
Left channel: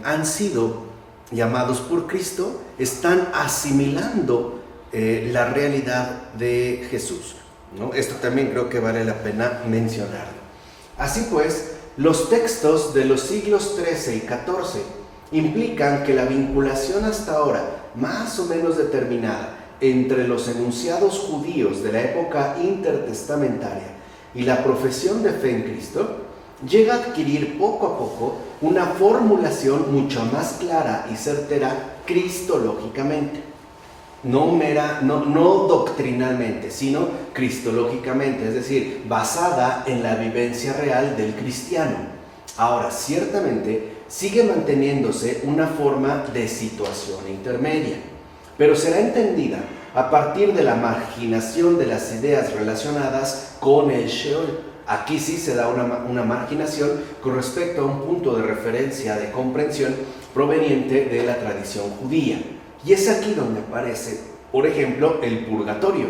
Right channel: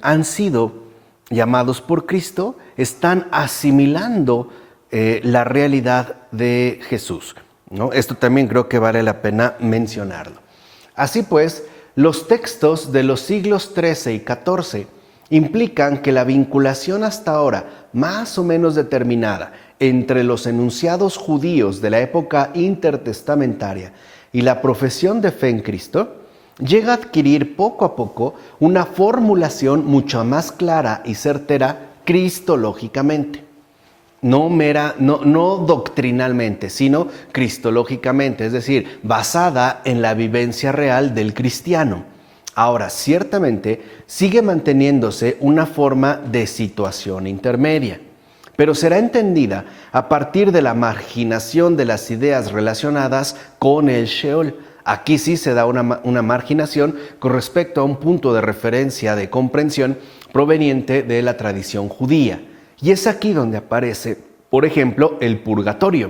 han sido llamados por Cristo están asimilando la realidad de Jesús, ¿no? Esto también creo que vale la pena mencionarlo. Así pues, los textos de los siglos XIII y XIV implican que la vinculación hasta ahora más o menos determinada entre los enunciados judíos de la época intertestamentaria y la profesión de fe en Cristo llega a adquirir poco a poco una formulación mucho más clara y certera cristológicamente. No doctrinalmente, sino cristológicamente, es decir, basada en la vivencia real del cristiano. Ahora, ciertamente, sigue manteniéndose una forma de situación intermedia, pero será entendida a partir de la marginación de las ideas relacionadas con el Sheol. Aquí sí se da una marginación con respecto a un punto de referencia de comprensión proveniente de la tradición judía. Y es aquí donde aparece, por ejemplo, el purgatorio,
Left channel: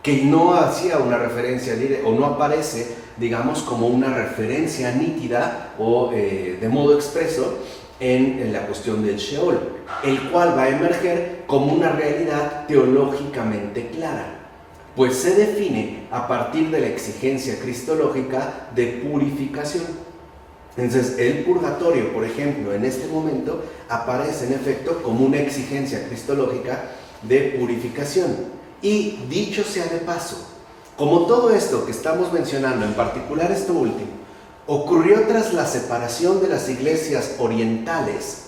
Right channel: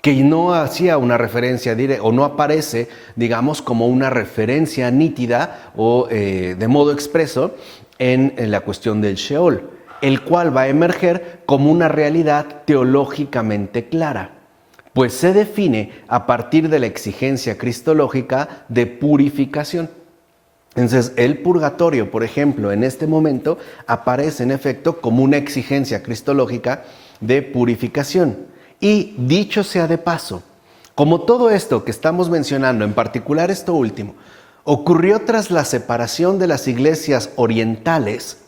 que no hacía una referencia directa, o no aparece, digamos, como una referencia nítida o de modo expreso en la cuestión del Sheol, el cual va a emerger como una realidad teológicamente clara, pues se define a partir de la exigencia cristológica de purificación. Entonces, el purgatorio, por ejemplo, en este momento aparece en efecto como una exigencia cristológica de purificación. Y dicho sea de paso, como todo esto que estamos mencionando, en particular esto último, ocurrió tras la separación de las iglesias orientales,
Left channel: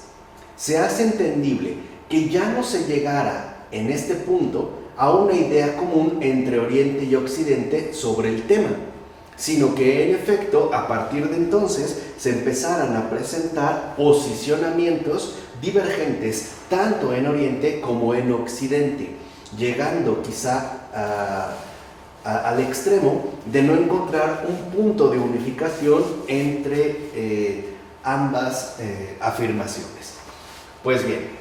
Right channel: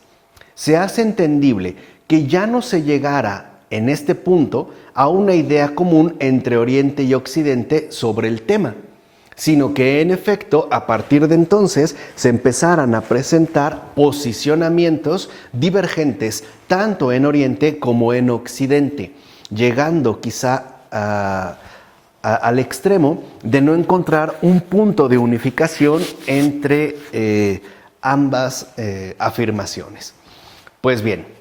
se hace entendible que ya no se llegara en este punto a una idea común entre Oriente y Occidente sobre el tema, sino que en efecto a partir de entonces se empezaran a presentar posicionamientos divergentes tanto en Oriente como en Occidente, llegando quizá al extremo de no encontrar un punto de unificación entre ambas afirmaciones. Pues bien,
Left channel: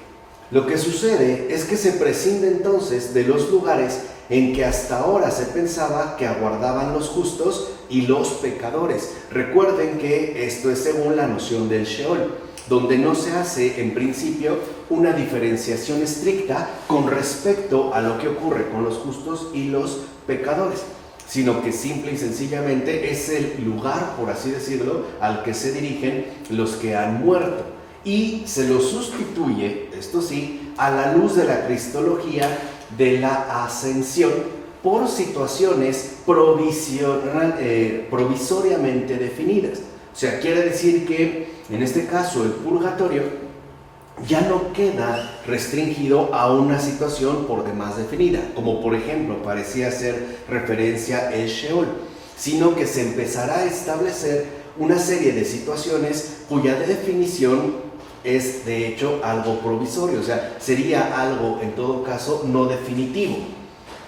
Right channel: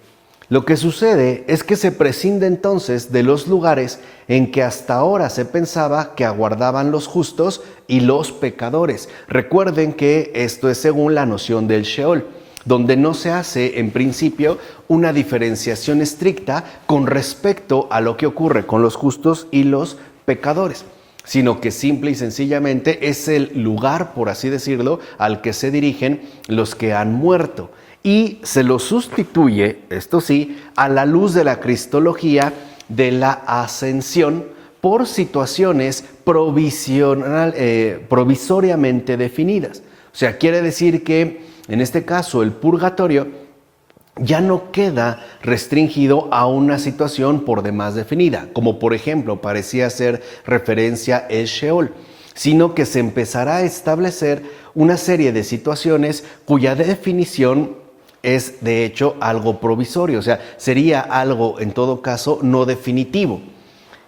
lo que sucede es que se prescinde entonces de los lugares en que hasta ahora se pensaba que aguardaban los justos y los pecadores. Recuerden que esto es según la noción del Sheol, donde no se hace en principio una diferenciación estricta con respecto a lo que ocurre con los justos y los pecadores, sino que simple y sencillamente es el lugar, por así decirlo, al que se dirigen los que han muerto. Y se lo sustituye, esto sí, a la luz de la cristología de la ascensión por situaciones provisoriamente definidas. O sea, quiere decir que en este caso el purgatorio ya no queda restringido a una situación por demás definida, como por ejemplo parecía hacer referencia el Sheol, sino que se empezará a establecer una serie de situaciones cuya definición es de hecho algo provisorio, o sea, sería algo en todo caso no definitivo.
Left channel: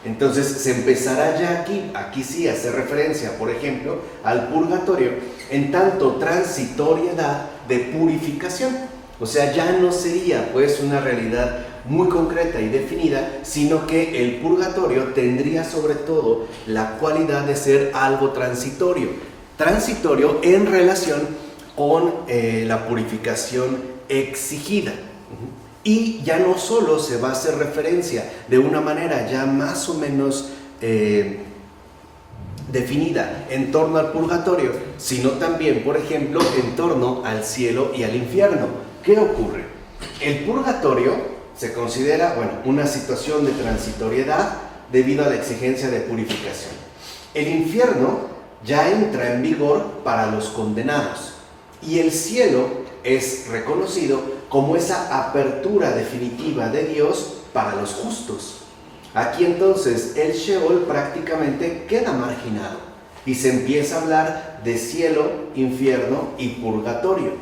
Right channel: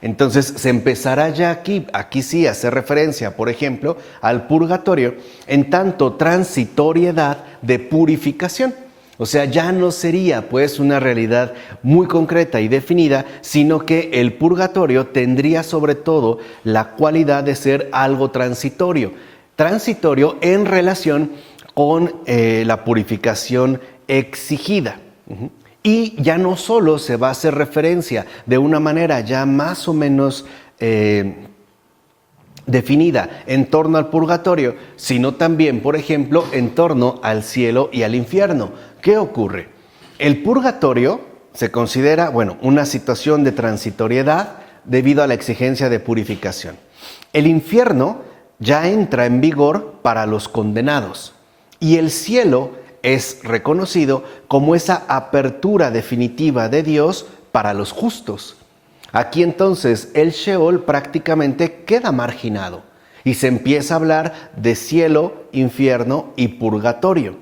Entonces se empezará ya aquí sí a hacer referencia, por ejemplo, al purgatorio en tanto transitoriedad de purificación. O sea, ya no sería pues una realidad muy concreta y definida, sino que el purgatorio tendría sobre todo la cualidad de ser algo transitorio en relación con la purificación exigida. Y ya no solo se va a hacer referencia de una manera ya más o menos definida en torno al purgatorio, sino también, por ejemplo, en torno al cielo y al infierno. ¿Qué ocurre? El purgatorio se considera, una situación de transitoriedad debido a la exigencia de purificación. El infierno ya entra en vigor para los condenados y el cielo es reconocido como esa apertura definitiva de Dios para los justos. Aquí entonces el Sheol prácticamente queda marginado y se empieza a hablar de cielo, infierno y purgatorio.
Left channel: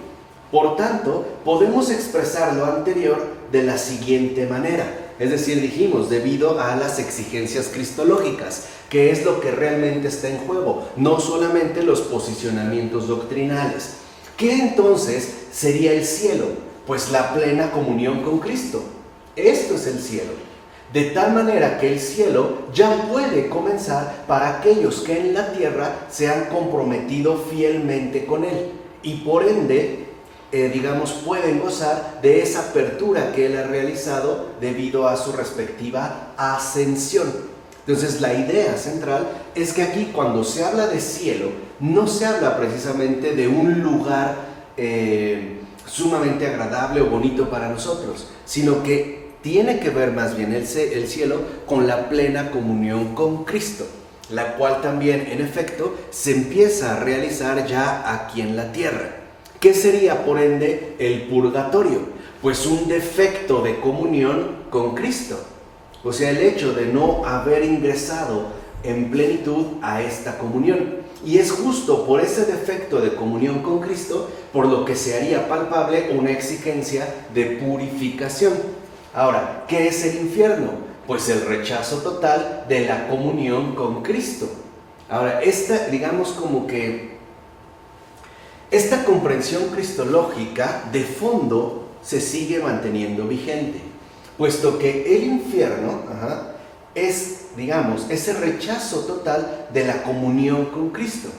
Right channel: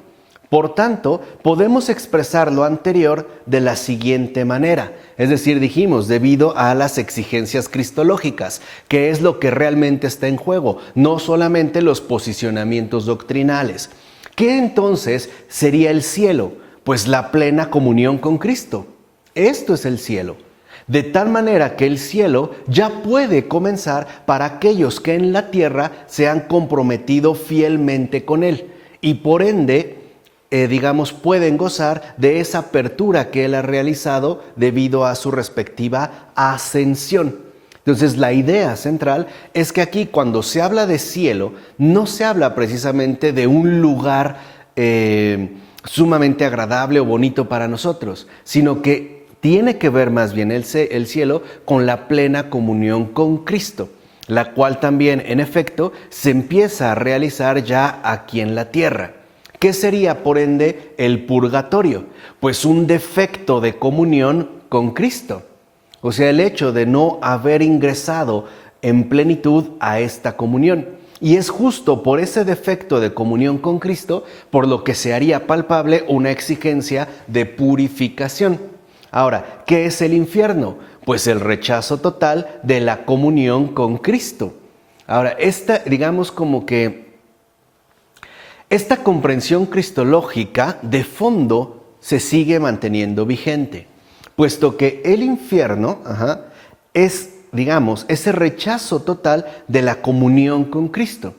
Por tanto, podemos expresar lo anterior de la siguiente manera. Es decir, dijimos, debido a las exigencias cristológicas, que es lo que realmente está en juego, no solamente los posicionamientos doctrinales. ¿Qué entonces sería el cielo? Pues la plena comunión con Cristo. Esto es el cielo. De tal manera que el cielo ya puede comenzar para aquellos que en la tierra se han comprometido fielmente con Él y por ende, pueden gozar de esa apertura que Él ha realizado debido a su respectiva ascensión. Entonces la idea central es que aquí cuando se habla de cielo, no se habla precisamente de un lugar sumamente agradable o bonito para nosotros, sino que tiene que ver más bien el cielo con la plena comunión con Cristo, la cual también en efecto se empieza a realizar ya aquí en la tierra. ¿Qué sería por ende el purgatorio? Pues un defecto de comunión con Cristo. O sea, el hecho de no haber ingresado en plenitud a esta comunión. Y es justo por ese defecto de comunión con Cristo por lo que se haría palpable una exigencia de purificación. Ahora, ¿qué es el infierno? Pues el rechazo total de la comunión con Cristo. Ahora, esta comprensión cristológica de fondo se sigue manteniendo vigente, puesto que el infierno es, ese rechazo total de la comunión con Cristo,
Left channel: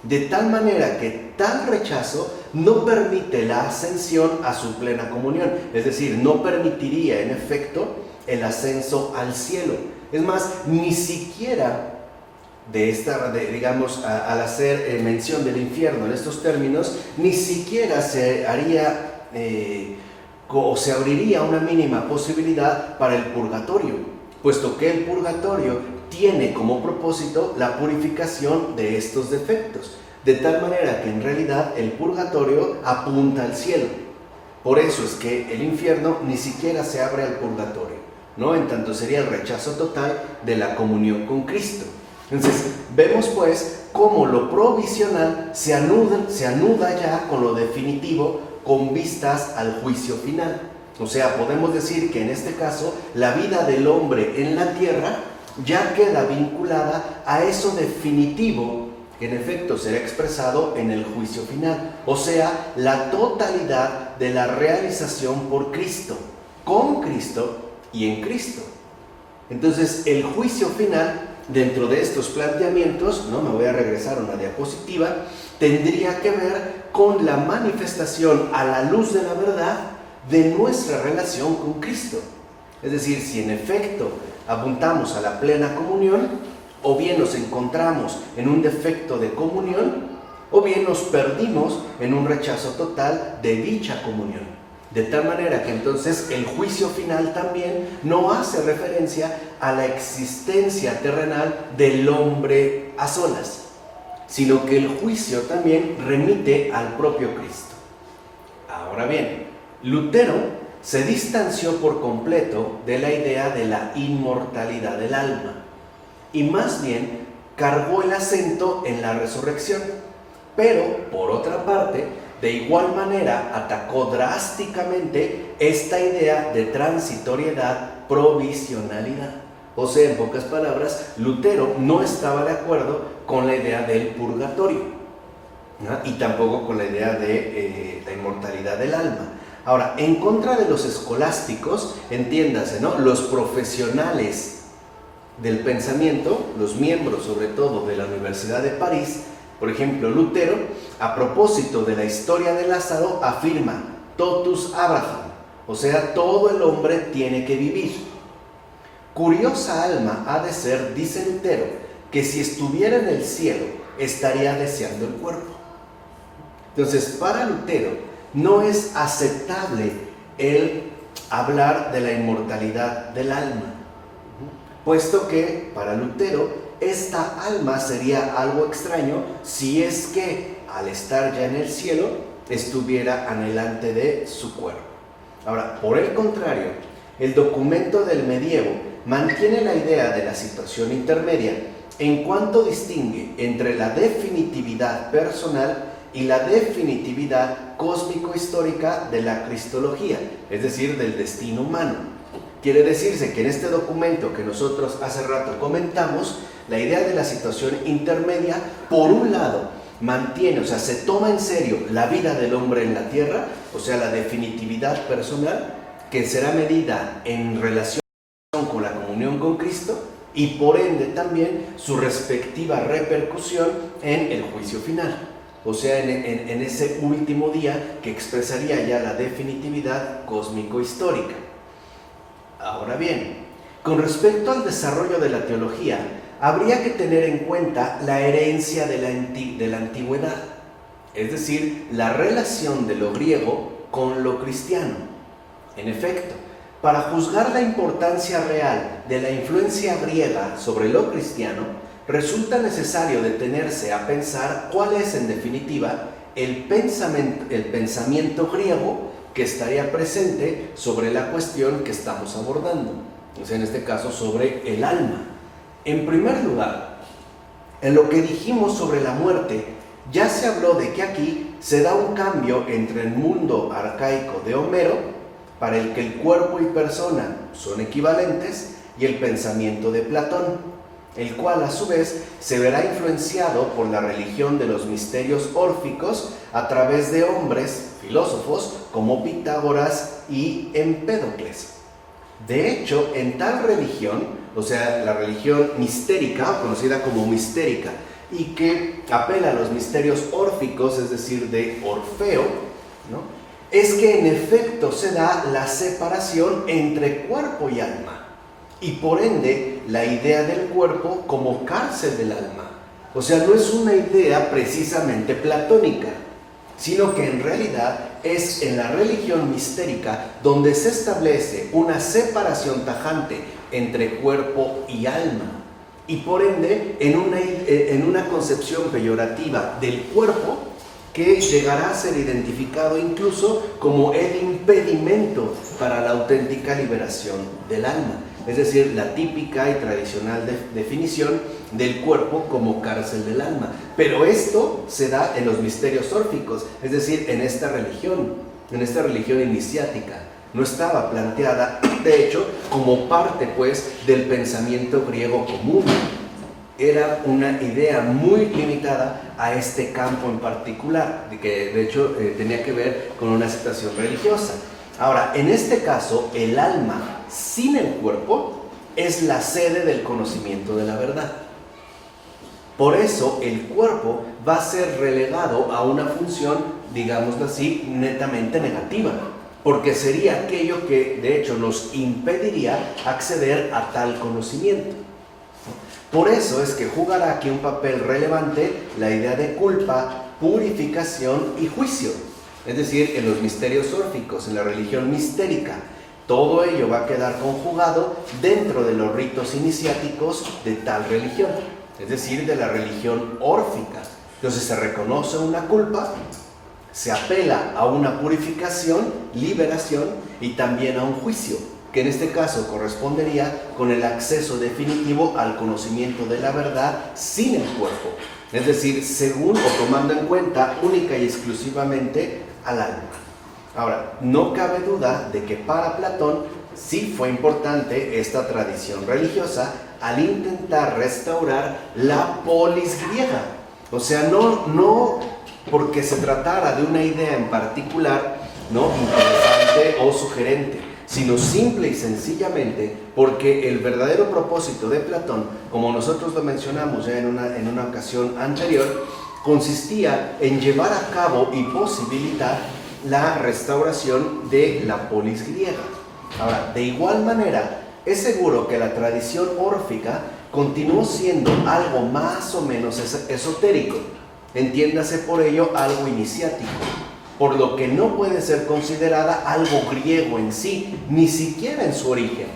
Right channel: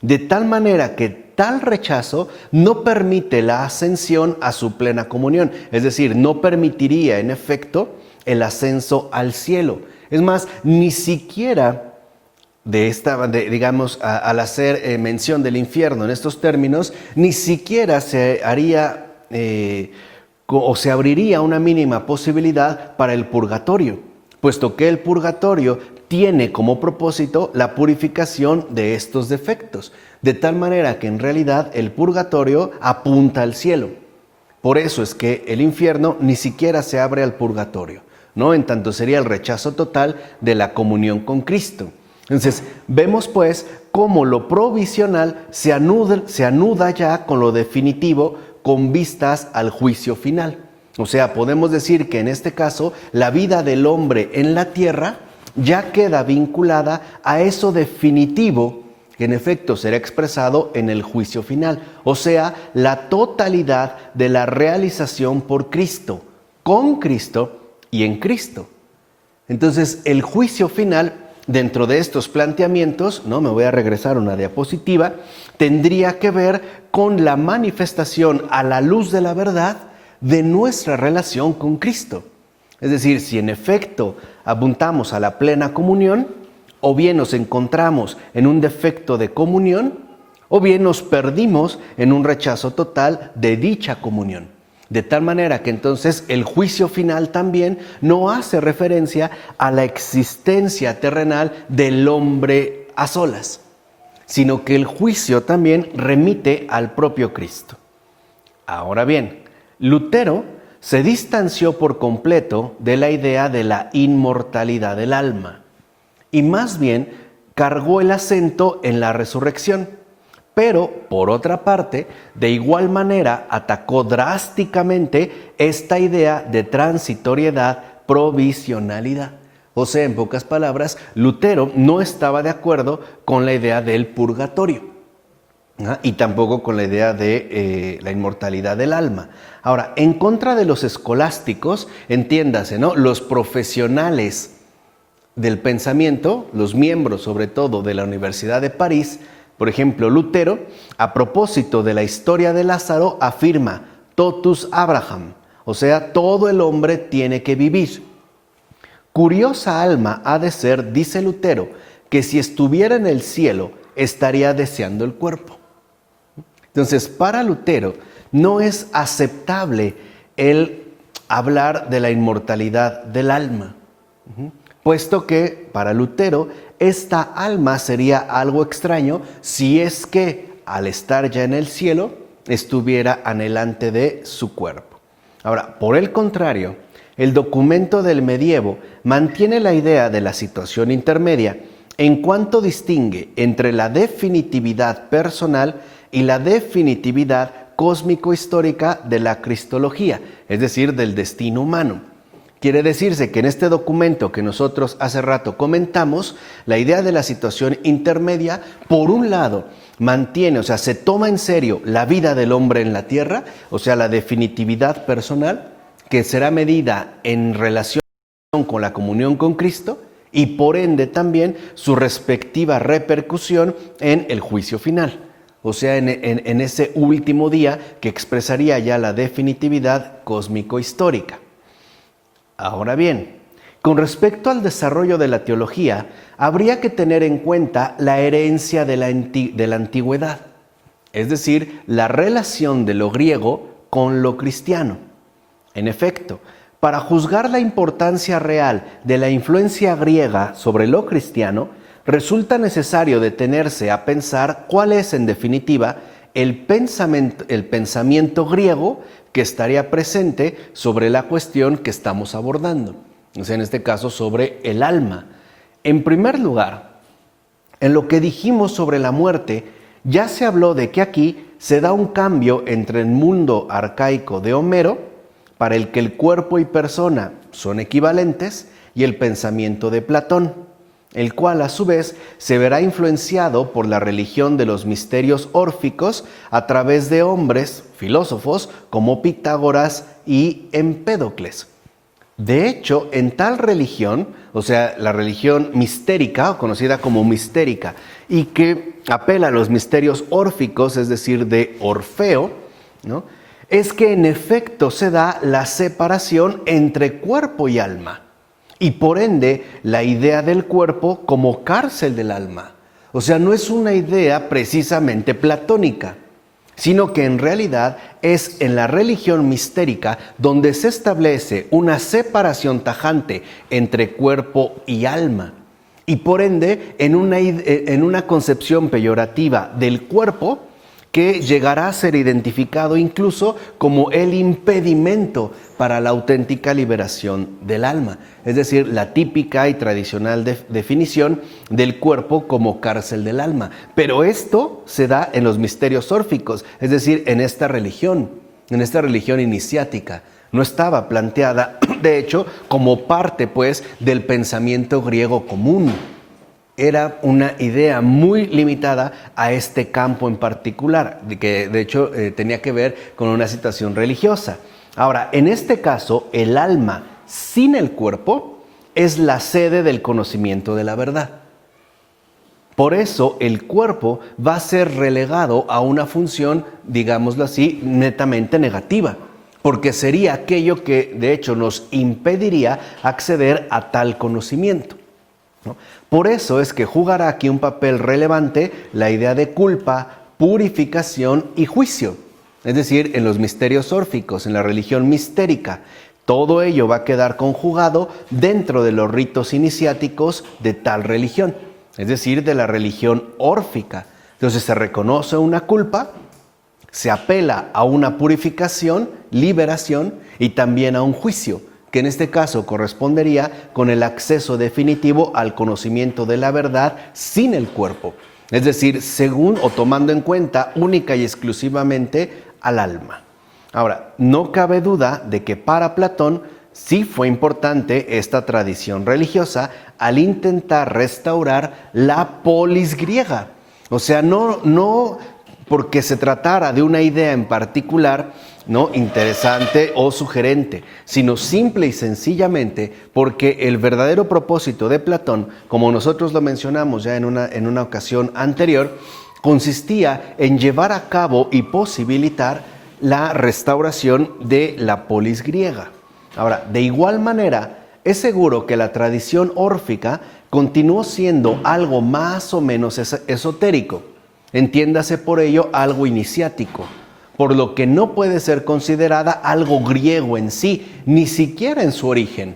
de tal manera que tal rechazo no permite la ascensión a su plena comunión, es decir, no permitiría en efecto el ascenso al cielo. Es más, ni siquiera al hacer mención del infierno en estos términos, ni siquiera se haría o se abriría una mínima posibilidad para el purgatorio, puesto que el purgatorio tiene como propósito la purificación de estos defectos, de tal manera que en realidad el purgatorio apunta al cielo. Por eso es que el infierno ni siquiera se abre al purgatorio, ¿no? En tanto sería el rechazo total de la comunión con Cristo. Entonces, vemos pues cómo lo provisional se anuda ya con lo definitivo con vistas al juicio final. O sea, podemos decir que en este caso la vida del hombre en la tierra ya queda vinculada a eso definitivo que en efecto será expresado en el juicio final. O sea, la totalidad de la realización por Cristo, con Cristo y en Cristo. Entonces, el juicio final, dentro de estos planteamientos, me voy a regresar a una diapositiva, tendría que ver con la manifestación a la luz de la verdad de nuestra relación con Cristo. Es decir, si en efecto apuntamos a la plena comunión, o bien nos encontramos en un defecto de comunión, o bien nos perdimos en un rechazo total de dicha comunión. De tal manera que entonces el juicio final también no hace referencia a la existencia terrenal del hombre a solas, sino que el juicio también remite al propio Cristo. Ahora bien, Lutero se distanció por completo de la idea de la inmortalidad del alma y más bien cargó el acento en la resurrección. Pero, por otra parte, de igual manera atacó drásticamente esta idea de transitoriedad, provisionalidad. O sea, en pocas palabras, Lutero no estaba de acuerdo con la idea del purgatorio, ¿no? Y tampoco con la idea de la inmortalidad del alma. Ahora, en contra de los escolásticos, entiéndase, ¿no? Los profesionales del pensamiento, los miembros sobre todo de la Universidad de París, por ejemplo, Lutero, a propósito de la historia de Lázaro, afirma totus Abraham, o sea, todo el hombre tiene que vivir. Curiosa alma ha de ser, dice Lutero, que si estuviera en el cielo, estaría deseando el cuerpo. Entonces, para Lutero, no es aceptable el hablar de la inmortalidad del alma, puesto que para Lutero, esta alma sería algo extraño si es que al estar ya en el cielo estuviera anhelante de su cuerpo. Ahora, por el contrario, el documento del medievo mantiene la idea de la situación intermedia en cuanto distingue entre la definitividad personal y la definitividad cósmico-histórica de la cristología, es decir, del destino humano. Quiere decirse que en este documento que nosotros hace rato comentamos, la idea de la situación intermedia, por un lado, mantiene, o sea, se toma en serio la vida del hombre en la tierra, o sea, la definitividad personal, que será medida en relación con la comunión con Cristo y por ende también su respectiva repercusión en el juicio final. O sea, en ese último día que expresaría ya la definitividad cósmico-histórica. Ahora bien, con respecto al desarrollo de la teología, habría que tener en cuenta la herencia de la antigüedad, es decir, la relación de lo griego con lo cristiano. En efecto, para juzgar la importancia real de la influencia griega sobre lo cristiano, resulta necesario detenerse a pensar cuál es, en definitiva, el pensamiento griego que estaría presente sobre la cuestión que estamos abordando, o sea, en este caso sobre el alma. En primer lugar, en lo que dijimos sobre la muerte, ya se habló de que aquí se da un cambio entre el mundo arcaico de Homero, para el que el cuerpo y persona son equivalentes, y el pensamiento de Platón, el cual a su vez se verá influenciado por la religión de los misterios órficos a través de hombres, filósofos, como Pitágoras y Empédocles. De hecho, en tal religión, o sea, la religión mistérica, o conocida como mistérica, y que apela a los misterios órficos, es decir, de Orfeo, ¿no?, es que en efecto se da la separación entre cuerpo y alma, y por ende la idea del cuerpo como cárcel del alma. O sea, no es una idea precisamente platónica, sino que en realidad es en la religión mistérica donde se establece una separación tajante entre cuerpo y alma, y por ende en una concepción peyorativa del cuerpo que llegará a ser identificado incluso como el impedimento para la auténtica liberación del alma. Es decir, la típica y tradicional definición del cuerpo como cárcel del alma. Pero esto se da en los misterios órficos, es decir, en esta religión iniciática. No estaba planteada, de hecho, como parte, pues, del pensamiento griego común. Era una idea muy limitada a este campo en particular, que de hecho tenía que ver con una situación religiosa. Ahora, en este caso, el alma sin el cuerpo es la sede del conocimiento de la verdad. Por eso el cuerpo va a ser relegado a una función, digámoslo así, netamente negativa, porque sería aquello que de hecho nos impediría acceder a tal conocimiento. Por eso es que jugará aquí un papel relevante la idea de culpa, purificación y juicio. Es decir, en los misterios órficos, en la religión mistérica, todo ello va a quedar conjugado dentro de los ritos iniciáticos de tal religión, es decir, de la religión órfica. Entonces se reconoce una culpa, se apela a una purificación, liberación y también a un juicio, que en este caso correspondería con el acceso definitivo al conocimiento de la verdad sin el cuerpo, es decir, según o tomando en cuenta única y exclusivamente al alma. Ahora, no cabe duda de que para Platón sí fue importante esta tradición religiosa al intentar restaurar la polis griega. O sea, no porque se tratara de una idea en particular, ¿no?, interesante o sugerente, sino simple y sencillamente porque el verdadero propósito de Platón, como nosotros lo mencionamos ya en una ocasión anterior, consistía en llevar a cabo y posibilitar la restauración de la polis griega. Ahora, de igual manera, es seguro que la tradición órfica continuó siendo algo más o menos esotérico, entiéndase por ello algo iniciático, por lo que no puede ser considerada algo griego en sí, ni siquiera en su origen.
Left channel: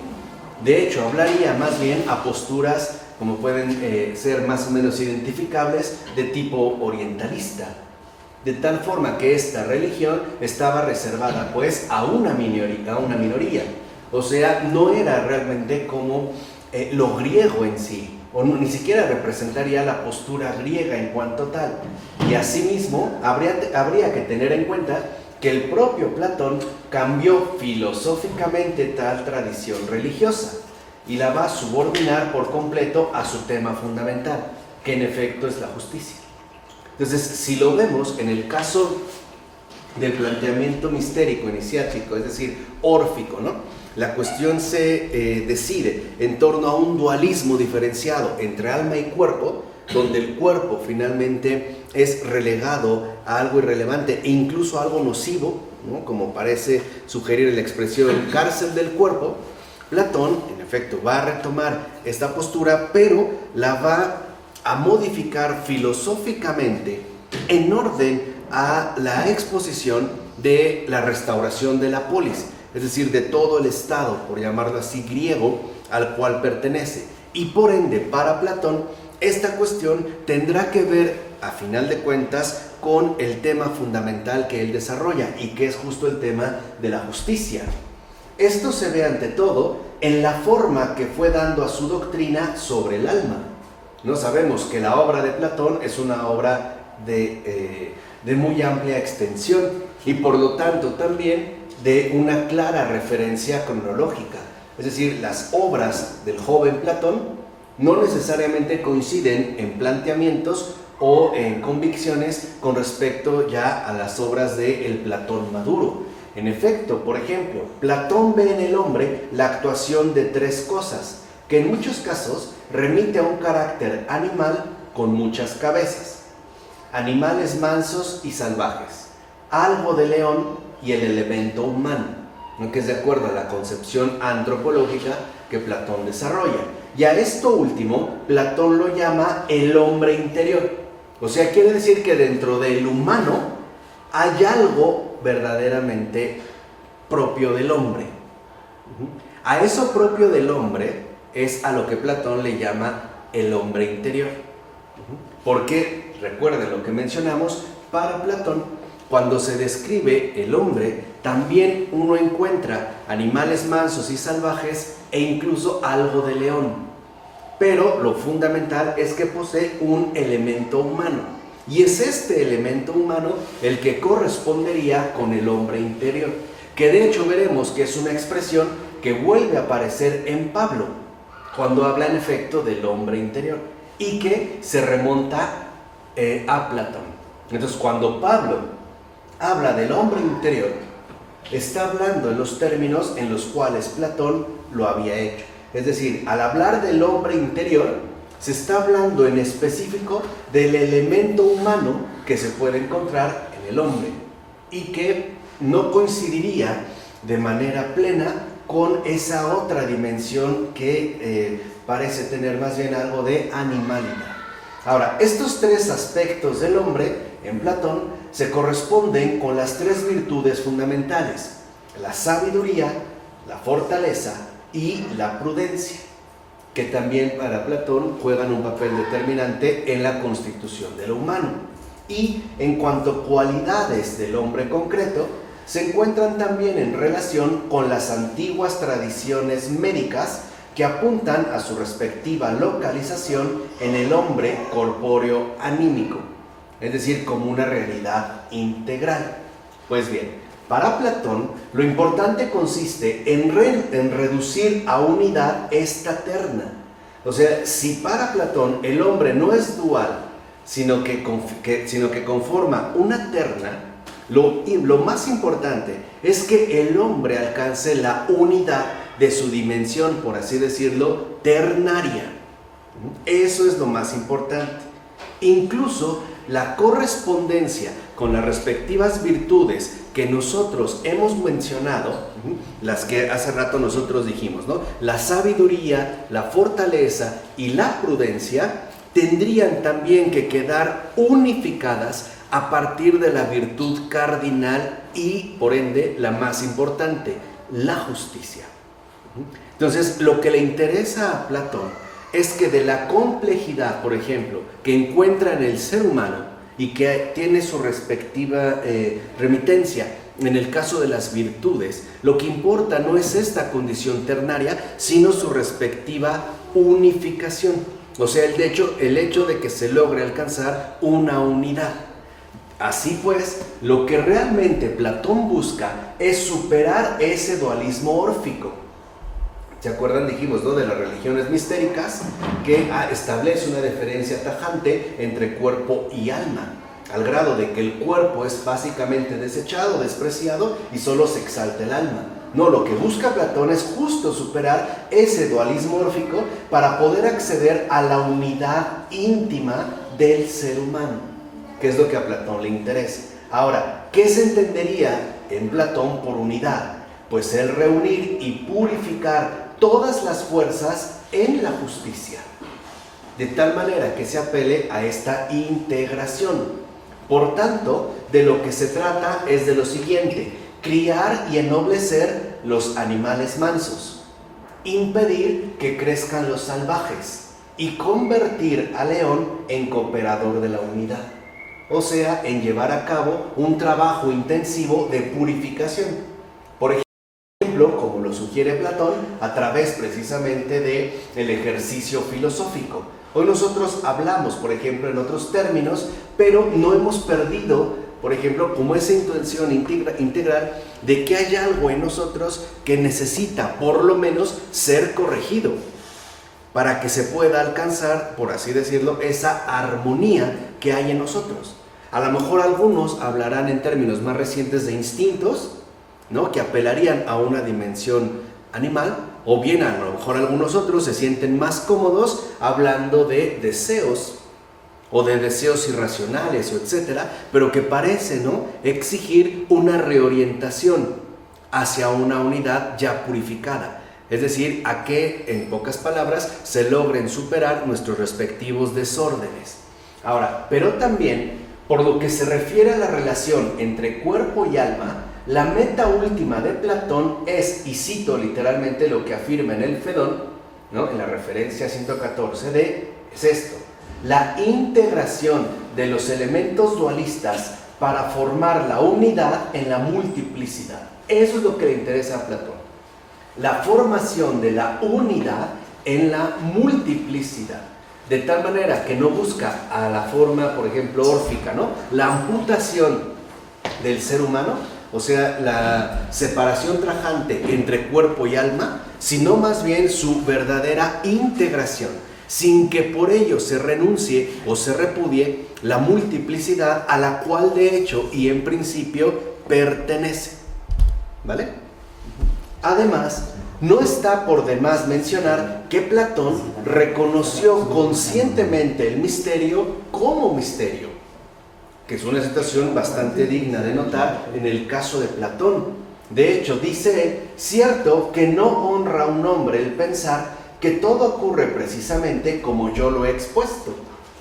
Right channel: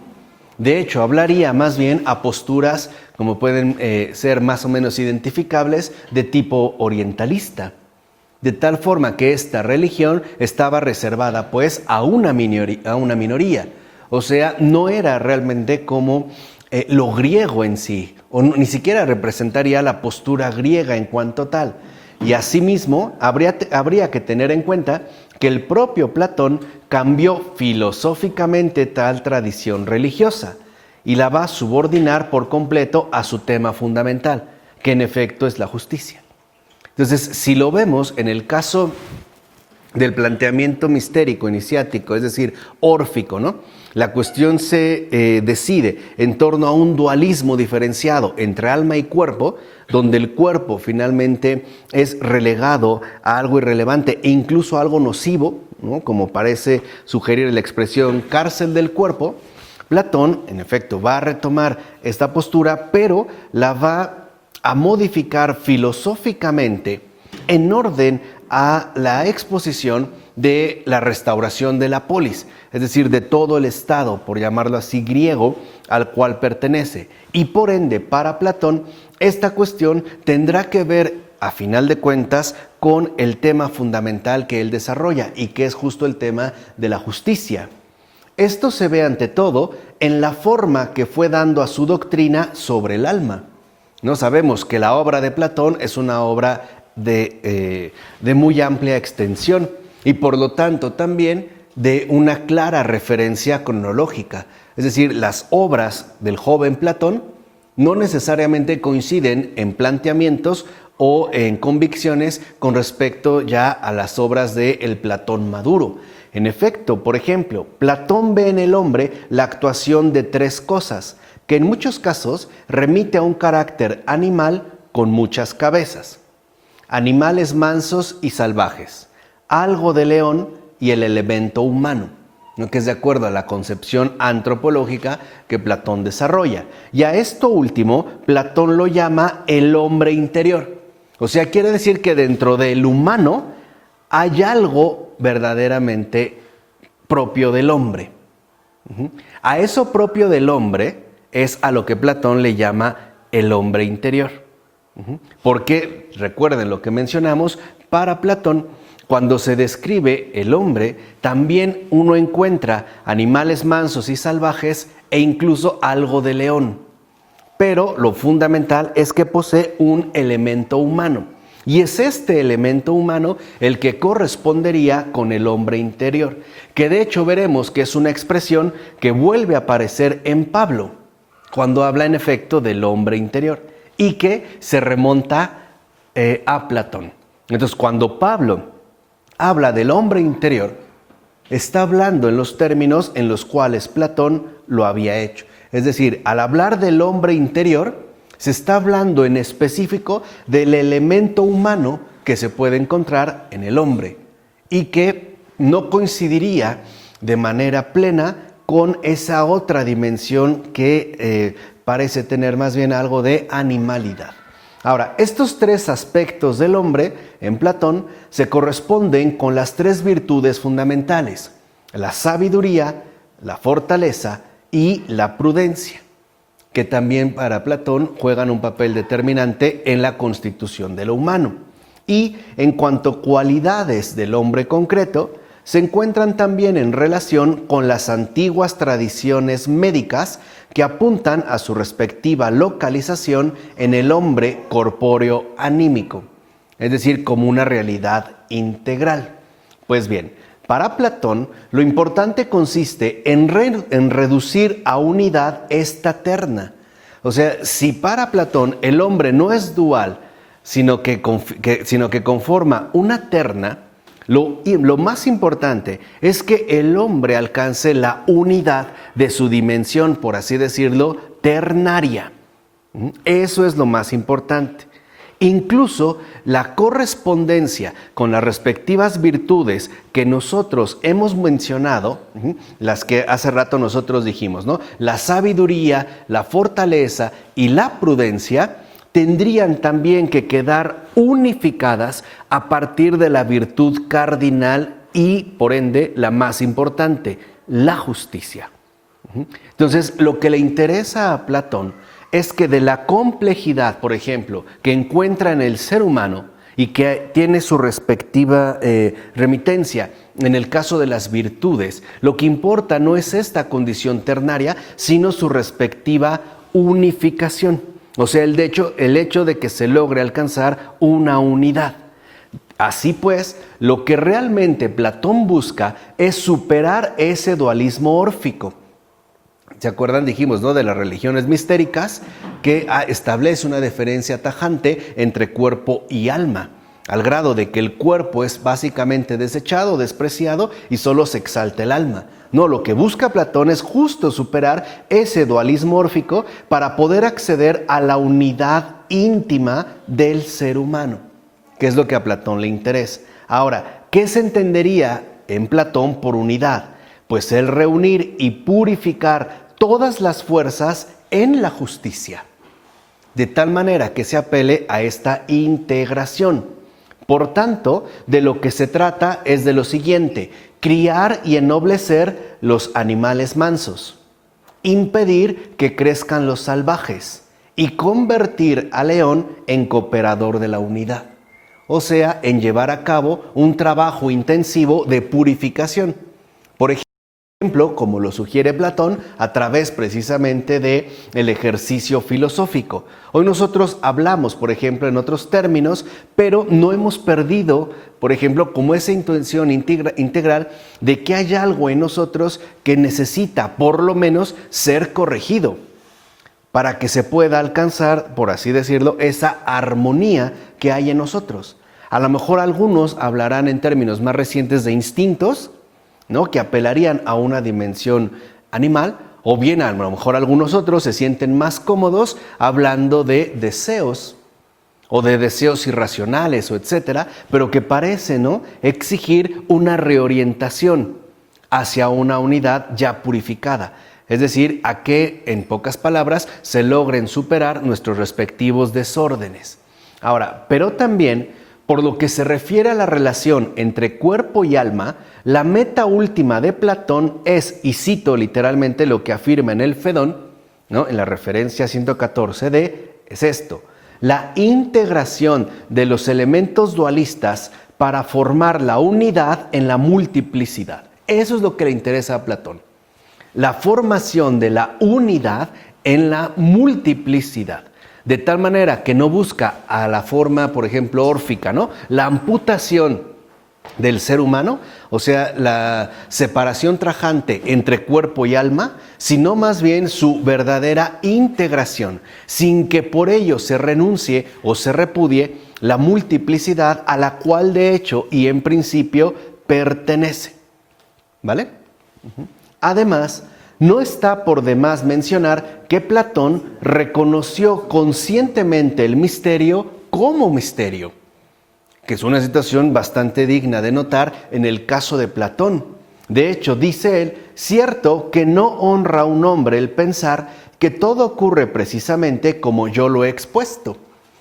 De hecho, hablaría más bien a posturas, como pueden ser más o menos identificables, de tipo orientalista, de tal forma que esta religión estaba reservada pues a una minoría, o sea, no era realmente como lo griego en sí, o ni siquiera representaría la postura griega en cuanto tal. Y asimismo, habría que tener en cuenta que el propio Platón cambió filosóficamente tal tradición religiosa y la va a subordinar por completo a su tema fundamental, que en efecto es la justicia. Entonces, si lo vemos en el caso del planteamiento mistérico iniciático, es decir, órfico, ¿no? La cuestión se decide en torno a un dualismo diferenciado entre alma y cuerpo, donde el cuerpo finalmente es relegado a algo irrelevante e incluso a algo nocivo, ¿no? Como parece sugerir la expresión cárcel del cuerpo. Platón, en efecto, va a retomar esta postura, pero la va a modificar filosóficamente en orden a la exposición de la restauración de la polis, es decir, de todo el Estado, por llamarlo así, griego, al cual pertenece. Y por ende, para Platón, esta cuestión tendrá que ver, a final de cuentas, con el tema fundamental que él desarrolla y que es justo el tema de la justicia. Esto se ve ante todo en la forma que fue dando a su doctrina sobre el alma. No sabemos que la obra de Platón es una obra de muy amplia extensión y por lo tanto también de una clara referencia cronológica. Es decir, las obras del joven Platón no necesariamente coinciden en planteamientos o en convicciones con respecto ya a las obras del Platón maduro. En efecto, por ejemplo, Platón ve en el hombre la actuación de tres cosas, que en muchos casos remite a un carácter animal con muchas cabezas. Animales mansos y salvajes, algo de león y el elemento humano, ¿no? Que es de acuerdo a la concepción antropológica que Platón desarrolla. Y a esto último, Platón lo llama el hombre interior. O sea, quiere decir que dentro del humano hay algo verdaderamente propio del hombre. A eso propio del hombre es a lo que Platón le llama el hombre interior. Porque, recuerden lo que mencionamos, para Platón, cuando se describe el hombre, también uno encuentra animales mansos y salvajes e incluso algo de león. Pero lo fundamental es que posee un elemento humano. Y es este elemento humano el que correspondería con el hombre interior, que de hecho veremos que es una expresión que vuelve a aparecer en Pablo, cuando habla en efecto del hombre interior, y que se remonta a Platón. Entonces, cuando Pablo habla del hombre interior, está hablando en los términos en los cuales Platón lo había hecho. Es decir, al hablar del hombre interior, se está hablando en específico del elemento humano que se puede encontrar en el hombre y que no coincidiría de manera plena con esa otra dimensión que parece tener más bien algo de animalidad. Ahora, estos tres aspectos del hombre en Platón se corresponden con las tres virtudes fundamentales: la sabiduría, la fortaleza y la prudencia, que también para Platón juegan un papel determinante en la constitución de lo humano. Y en cuanto a cualidades del hombre concreto, se encuentran también en relación con las antiguas tradiciones médicas que apuntan a su respectiva localización en el hombre corpóreo anímico, es decir, como una realidad integral. Pues bien, para Platón, lo importante consiste en reducir a unidad esta terna. O sea, si para Platón el hombre no es dual, sino que conforma una terna, lo más importante es que el hombre alcance la unidad de su dimensión, por así decirlo, ternaria. Eso es lo más importante. Incluso la correspondencia con las respectivas virtudes que nosotros hemos mencionado, las que hace rato nosotros dijimos, ¿no? La sabiduría, la fortaleza y la prudencia tendrían también que quedar unificadas a partir de la virtud cardinal y, por ende, la más importante, la justicia. Entonces, lo que le interesa a Platón es que de la complejidad, por ejemplo, que encuentra en el ser humano y que tiene su respectiva remitencia en el caso de las virtudes, lo que importa no es esta condición ternaria, sino su respectiva unificación. O sea, el hecho de que se logre alcanzar una unidad. Así pues, lo que realmente Platón busca es superar ese dualismo órfico. ¿Se acuerdan? Dijimos, ¿no?, de las religiones mistéricas, que establece una diferencia tajante entre cuerpo y alma, al grado de que el cuerpo es básicamente desechado, despreciado, y solo se exalta el alma. No, lo que busca Platón es justo superar ese dualismo órfico para poder acceder a la unidad íntima del ser humano, que es lo que a Platón le interesa. Ahora, ¿qué se entendería en Platón por unidad? Pues el reunir y purificar todas las fuerzas en la justicia, de tal manera que se apele a esta integración. Por tanto, de lo que se trata es de lo siguiente: criar y ennoblecer los animales mansos, impedir que crezcan los salvajes y convertir al león en cooperador de la unidad. O sea, en llevar a cabo un trabajo intensivo de purificación. Por ejemplo, como lo sugiere Platón, a través precisamente del ejercicio filosófico. Hoy nosotros hablamos, por ejemplo, en otros términos, pero no hemos perdido, por ejemplo, como esa intención integral de que hay algo en nosotros que necesita, por lo menos, ser corregido para que se pueda alcanzar, por así decirlo, esa armonía que hay en nosotros. A lo mejor algunos hablarán en términos más recientes de instintos, ¿no?, que apelarían a una dimensión animal, o bien a lo mejor algunos otros se sienten más cómodos hablando de deseos, o de deseos irracionales, o etcétera, pero que parecen, ¿no?, exigir una reorientación hacia una unidad ya purificada. Es decir, a que, en pocas palabras, se logren superar nuestros respectivos desórdenes. Ahora, pero también, por lo que se refiere a la relación entre cuerpo y alma, la meta última de Platón es, y cito literalmente lo que afirma en el Fedón, ¿no?, en la referencia 114 es esto: la integración de los elementos dualistas para formar la unidad en la multiplicidad. Eso es lo que le interesa a Platón. La formación de la unidad en la multiplicidad. De tal manera que no busca a la forma, por ejemplo, órfica, ¿no?, la amputación del ser humano, o sea, la separación tajante entre cuerpo y alma, sino más bien su verdadera integración, sin que por ello se renuncie o se repudie la multiplicidad a la cual de hecho y en principio pertenece. ¿Vale? Además, no está por demás mencionar que Platón reconoció conscientemente el misterio como misterio, que es una situación bastante digna de notar en el caso de Platón. De hecho, dice él, cierto que no honra a un hombre el pensar que todo ocurre precisamente como yo lo he expuesto.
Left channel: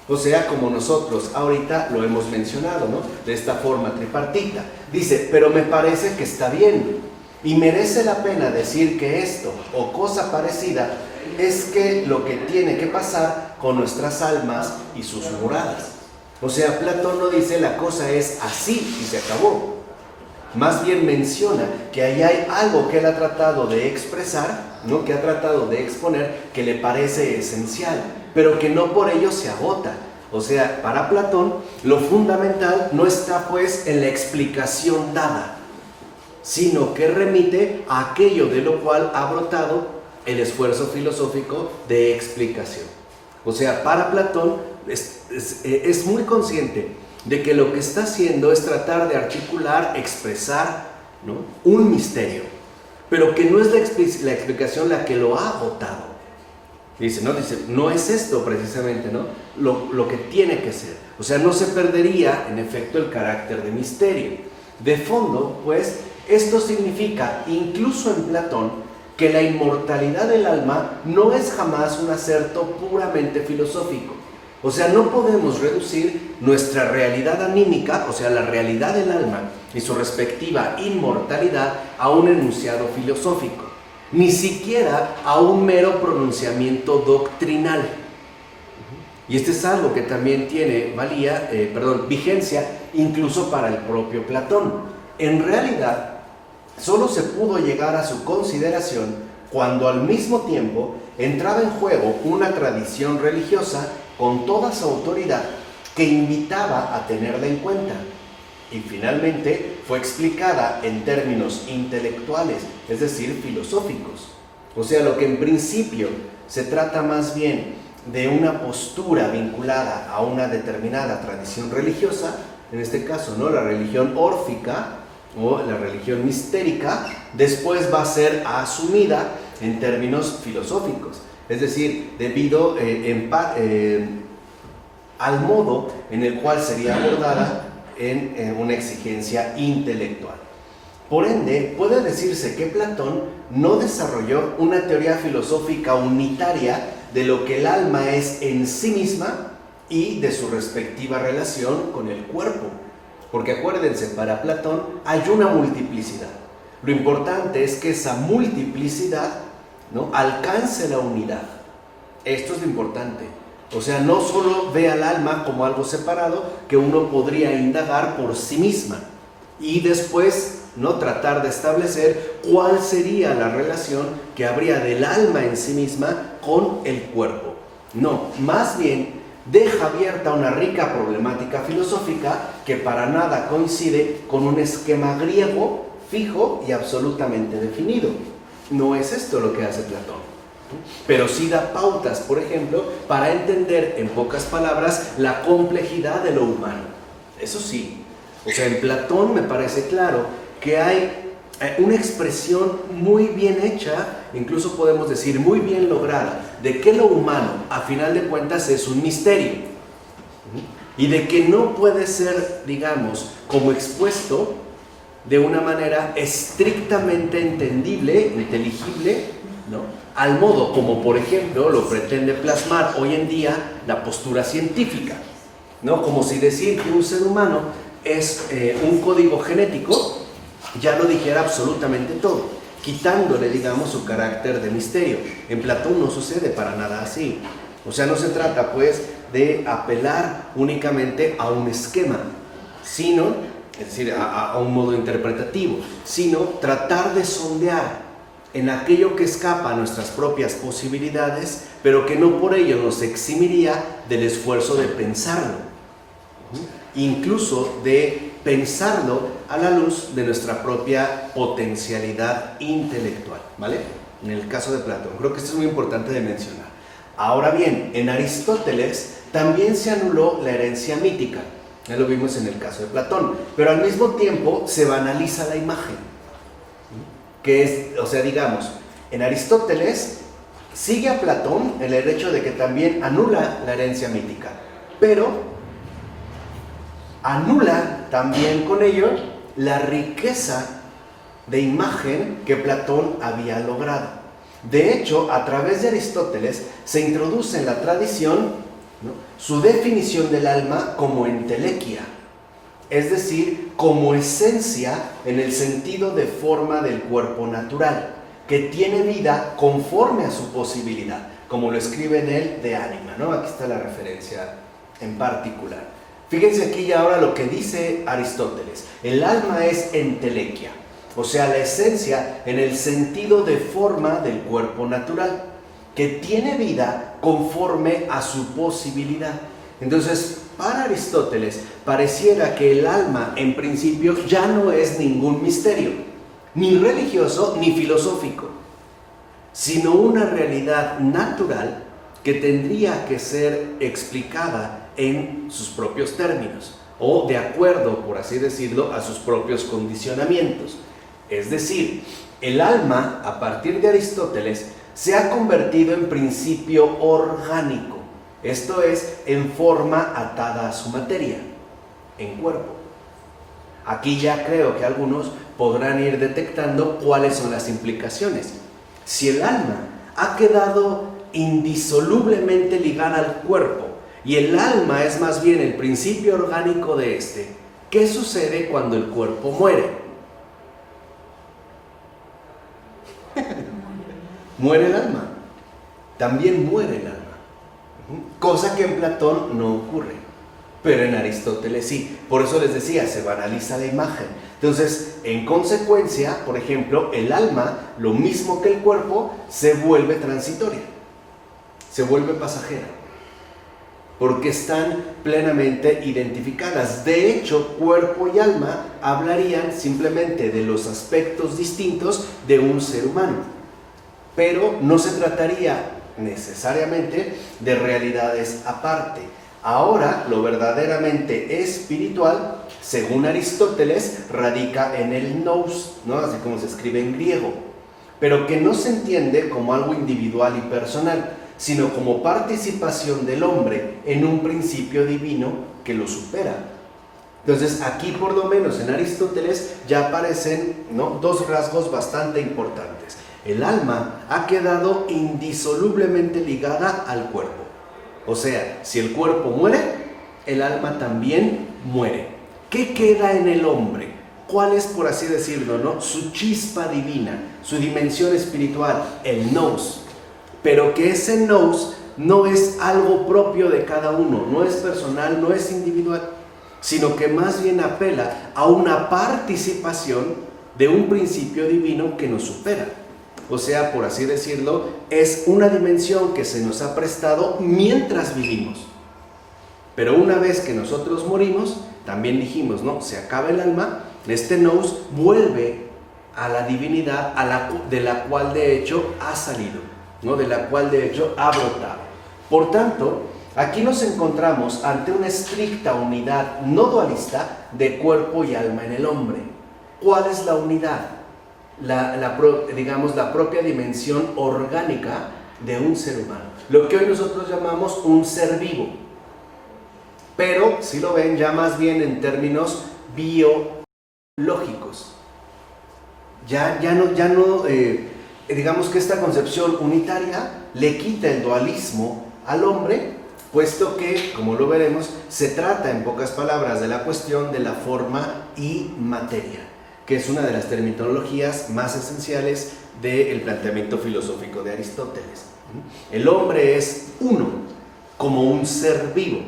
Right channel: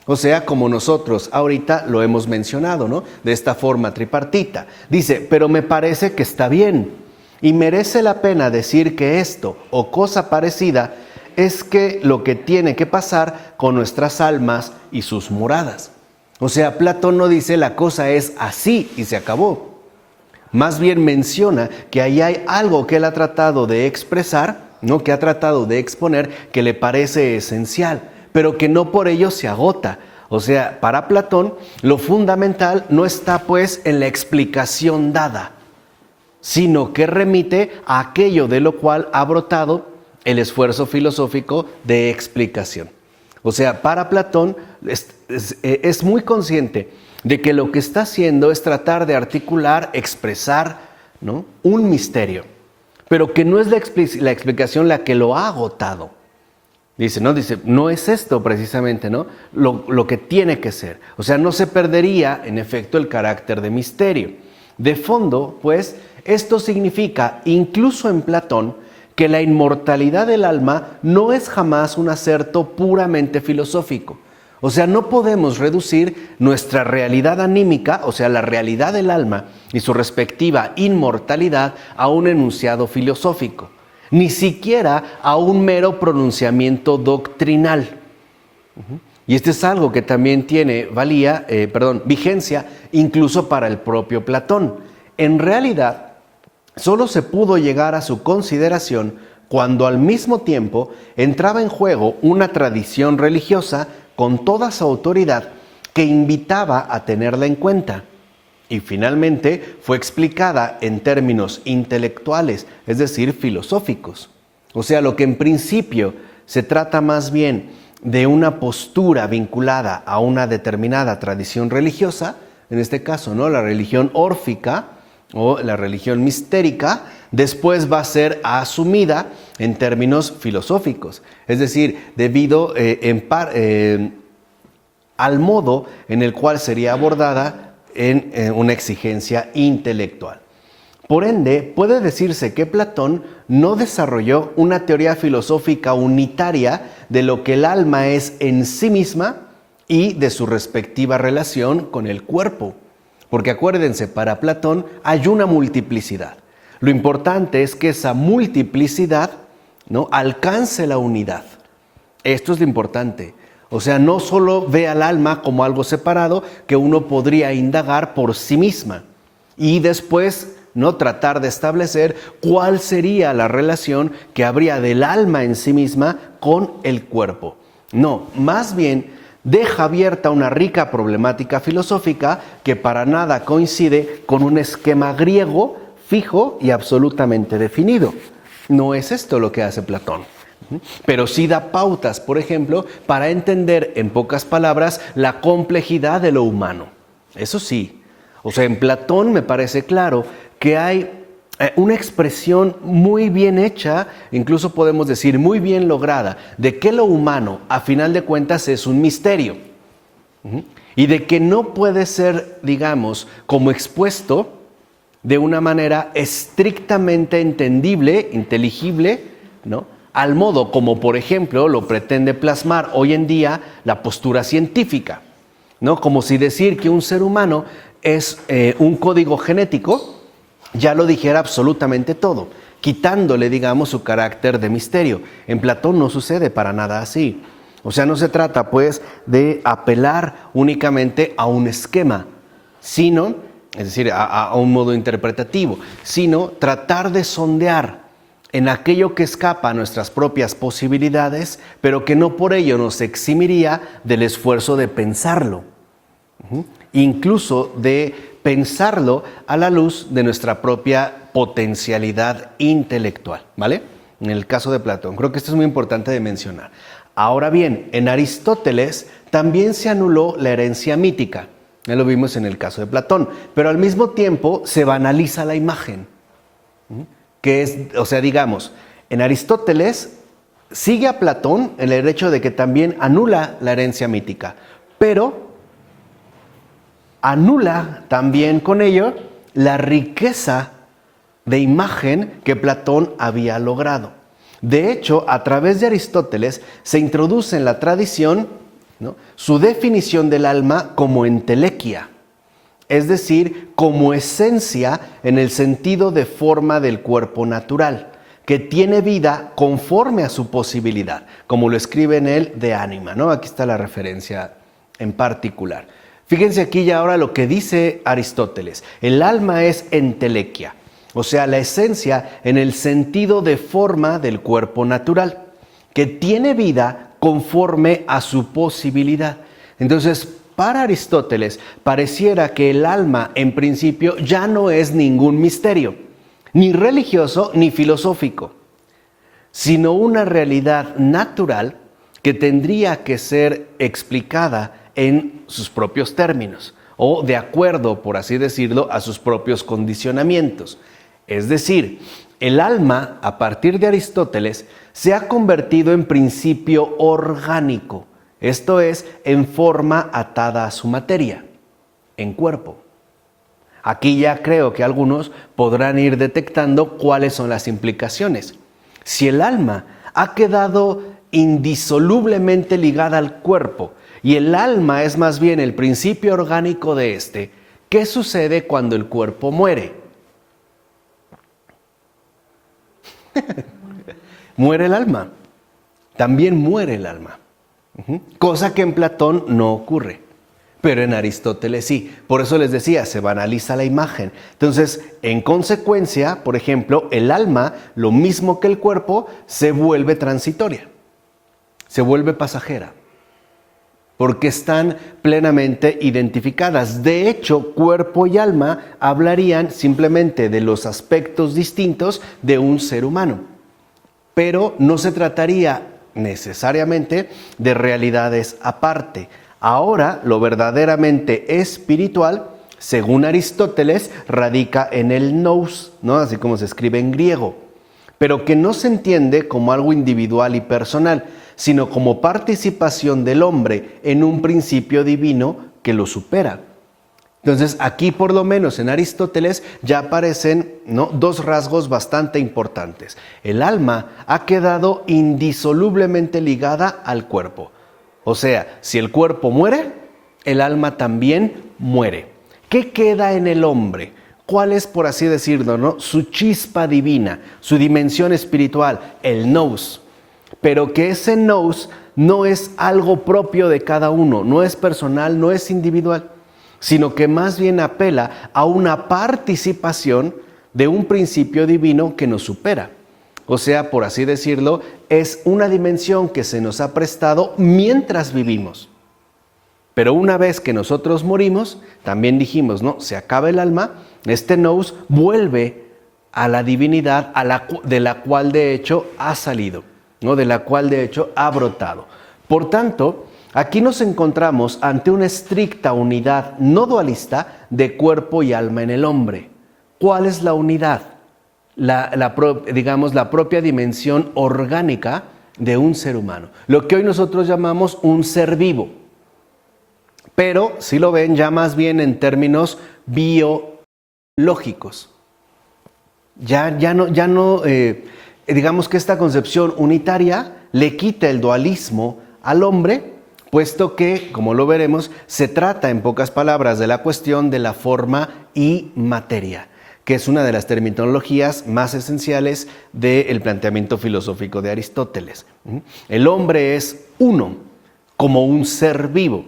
O sea, como nosotros ahorita lo hemos mencionado, ¿no?, de esta forma tripartita. Dice, pero me parece que está bien y merece la pena decir que esto o cosa parecida es que lo que tiene que pasar con nuestras almas y sus moradas. O sea, Platón no dice la cosa es así y se acabó. Más bien menciona que ahí hay algo que él ha tratado de expresar, ¿no?, que ha tratado de exponer, que le parece esencial, pero que no por ello se agota. O sea, para Platón, lo fundamental no está pues en la explicación dada, sino que remite a aquello de lo cual ha brotado el esfuerzo filosófico de explicación. O sea, para Platón es muy consciente de que lo que está haciendo es tratar de articular, expresar, ¿no?, un misterio, pero que no es la explicación la que lo ha agotado. Dice, no es esto precisamente, ¿no?, lo que tiene que ser. O sea, no se perdería, en efecto, el carácter de misterio. De fondo, pues, esto significa, incluso en Platón, que la inmortalidad del alma no es jamás un acerto puramente filosófico. O sea, no podemos reducir nuestra realidad anímica, o sea, la realidad del alma y su respectiva inmortalidad, a un enunciado filosófico, ni siquiera a un mero pronunciamiento doctrinal. Y este es algo que también tiene vigencia incluso para el propio Platón. En realidad, solo se pudo llegar a su consideración cuando al mismo tiempo entraba en juego una tradición religiosa con toda su autoridad que invitaba a tenerla en cuenta. Y finalmente fue explicada en términos intelectuales, es decir, filosóficos. O sea, lo que en principio se trata más bien de una postura vinculada a una determinada tradición religiosa, en este caso, ¿no?, la religión órfica o la religión mistérica, después va a ser asumida en términos filosóficos. Es decir, debido al modo en el cual sería abordada en una exigencia intelectual. Por ende, puede decirse que Platón no desarrolló una teoría filosófica unitaria de lo que el alma es en sí misma y de su respectiva relación con el cuerpo. Porque acuérdense, para Platón hay una multiplicidad. Lo importante es que esa multiplicidad, ¿no?, alcance la unidad. Esto es lo importante. O sea, no solo ve al alma como algo separado que uno podría indagar por sí misma y después, ¿no?, tratar de establecer cuál sería la relación que habría del alma en sí misma con el cuerpo. No, más bien deja abierta una rica problemática filosófica que para nada coincide con un esquema griego fijo y absolutamente definido. No es esto lo que hace Platón. Pero sí da pautas, por ejemplo, para entender en pocas palabras la complejidad de lo humano. Eso sí, o sea, en Platón me parece claro que hay una expresión muy bien hecha, incluso podemos decir muy bien lograda, de que lo humano, a final de cuentas, es un misterio. Y de que no puede ser, digamos, como expuesto de una manera estrictamente entendible, inteligible, ¿no?, al modo como, por ejemplo, lo pretende plasmar hoy en día la postura científica, ¿no? Como si decir que un ser humano es un código genético ya lo dijera absolutamente todo, quitándole, digamos, su carácter de misterio. En Platón no sucede para nada así. O sea, no se trata, pues, de apelar únicamente a un esquema, sino, es decir, a un modo interpretativo, sino tratar de sondear en aquello que escapa a nuestras propias posibilidades, pero que no por ello nos eximiría del esfuerzo de pensarlo, incluso de pensarlo a la luz de nuestra propia potencialidad intelectual, ¿vale? En el caso de Platón, creo que esto es muy importante de mencionar. Ahora bien, en Aristóteles también se anuló la herencia mítica, ya lo vimos en el caso de Platón, pero al mismo tiempo se banaliza la imagen. Que es, o sea, digamos, en Aristóteles sigue a Platón el hecho de que también anula la herencia mítica, pero anula también con ello la riqueza de imagen que Platón había logrado. De hecho, a través de Aristóteles se introduce en la tradición, ¿no?, su definición del alma como entelequia, es decir, como esencia en el sentido de forma del cuerpo natural, que tiene vida conforme a su posibilidad, como lo escribe en él De Anima, ¿no? Aquí está la referencia en particular. Fíjense aquí y ahora lo que dice Aristóteles. El alma es entelequia, o sea, la esencia en el sentido de forma del cuerpo natural, que tiene vida conforme a su posibilidad. Entonces, para Aristóteles, pareciera que el alma, en principio, ya no es ningún misterio, ni religioso ni filosófico, sino una realidad natural que tendría que ser explicada en sus propios términos, o de acuerdo, por así decirlo, a sus propios condicionamientos. Es decir, el alma, a partir de Aristóteles, se ha convertido en principio orgánico. Esto es, en forma atada a su materia, en cuerpo. Aquí ya creo que algunos podrán ir detectando cuáles son las implicaciones. Si el alma ha quedado indisolublemente ligada al cuerpo y el alma es más bien el principio orgánico de este, ¿qué sucede cuando el cuerpo muere? Muere el alma. También muere el alma. Cosa que en Platón no ocurre, pero en Aristóteles sí. Por eso les decía, se banaliza la imagen. Entonces, en consecuencia, por ejemplo, el alma, lo mismo que el cuerpo, se vuelve transitoria, se vuelve pasajera. porque están plenamente identificadas. De hecho, cuerpo y alma hablarían simplemente de los aspectos distintos de un ser humano, pero no se trataría necesariamente de realidades aparte. Ahora, lo verdaderamente espiritual, según Aristóteles, radica en el nous, ¿no? Así como se escribe en griego, pero que no se entiende como algo individual y personal, sino como participación del hombre en un principio divino que lo supera. Entonces, aquí por lo menos en Aristóteles ya aparecen, ¿no?, dos rasgos bastante importantes. El alma ha quedado indisolublemente ligada al cuerpo. O sea, si el cuerpo muere, el alma también muere. ¿Qué queda en el hombre? ¿Cuál es, por así decirlo, ¿no?, su chispa divina, su dimensión espiritual? El nous. Pero que ese nous no es algo propio de cada uno, no es personal, no es individual, sino que más bien apela a una participación de un principio divino que nos supera. O sea, por así decirlo, es una dimensión que se nos ha prestado mientras vivimos. Pero una vez que nosotros morimos, también dijimos, ¿no?, se acaba el alma, este nous vuelve a la divinidad de la cual de hecho ha salido, ¿no?, de la cual de hecho ha brotado. Por tanto, aquí nos encontramos ante una estricta unidad no dualista de cuerpo y alma en el hombre. ¿Cuál es la unidad? Digamos, la propia dimensión orgánica de un ser humano. Lo que hoy nosotros llamamos un ser vivo. Pero, si lo ven, ya más bien en términos biológicos. Digamos que esta concepción unitaria le quita el dualismo al hombre, puesto que, como lo veremos, se trata en pocas palabras de la cuestión de la forma y materia, que es una de las terminologías más esenciales del planteamiento filosófico de Aristóteles. El hombre es uno, como un ser vivo,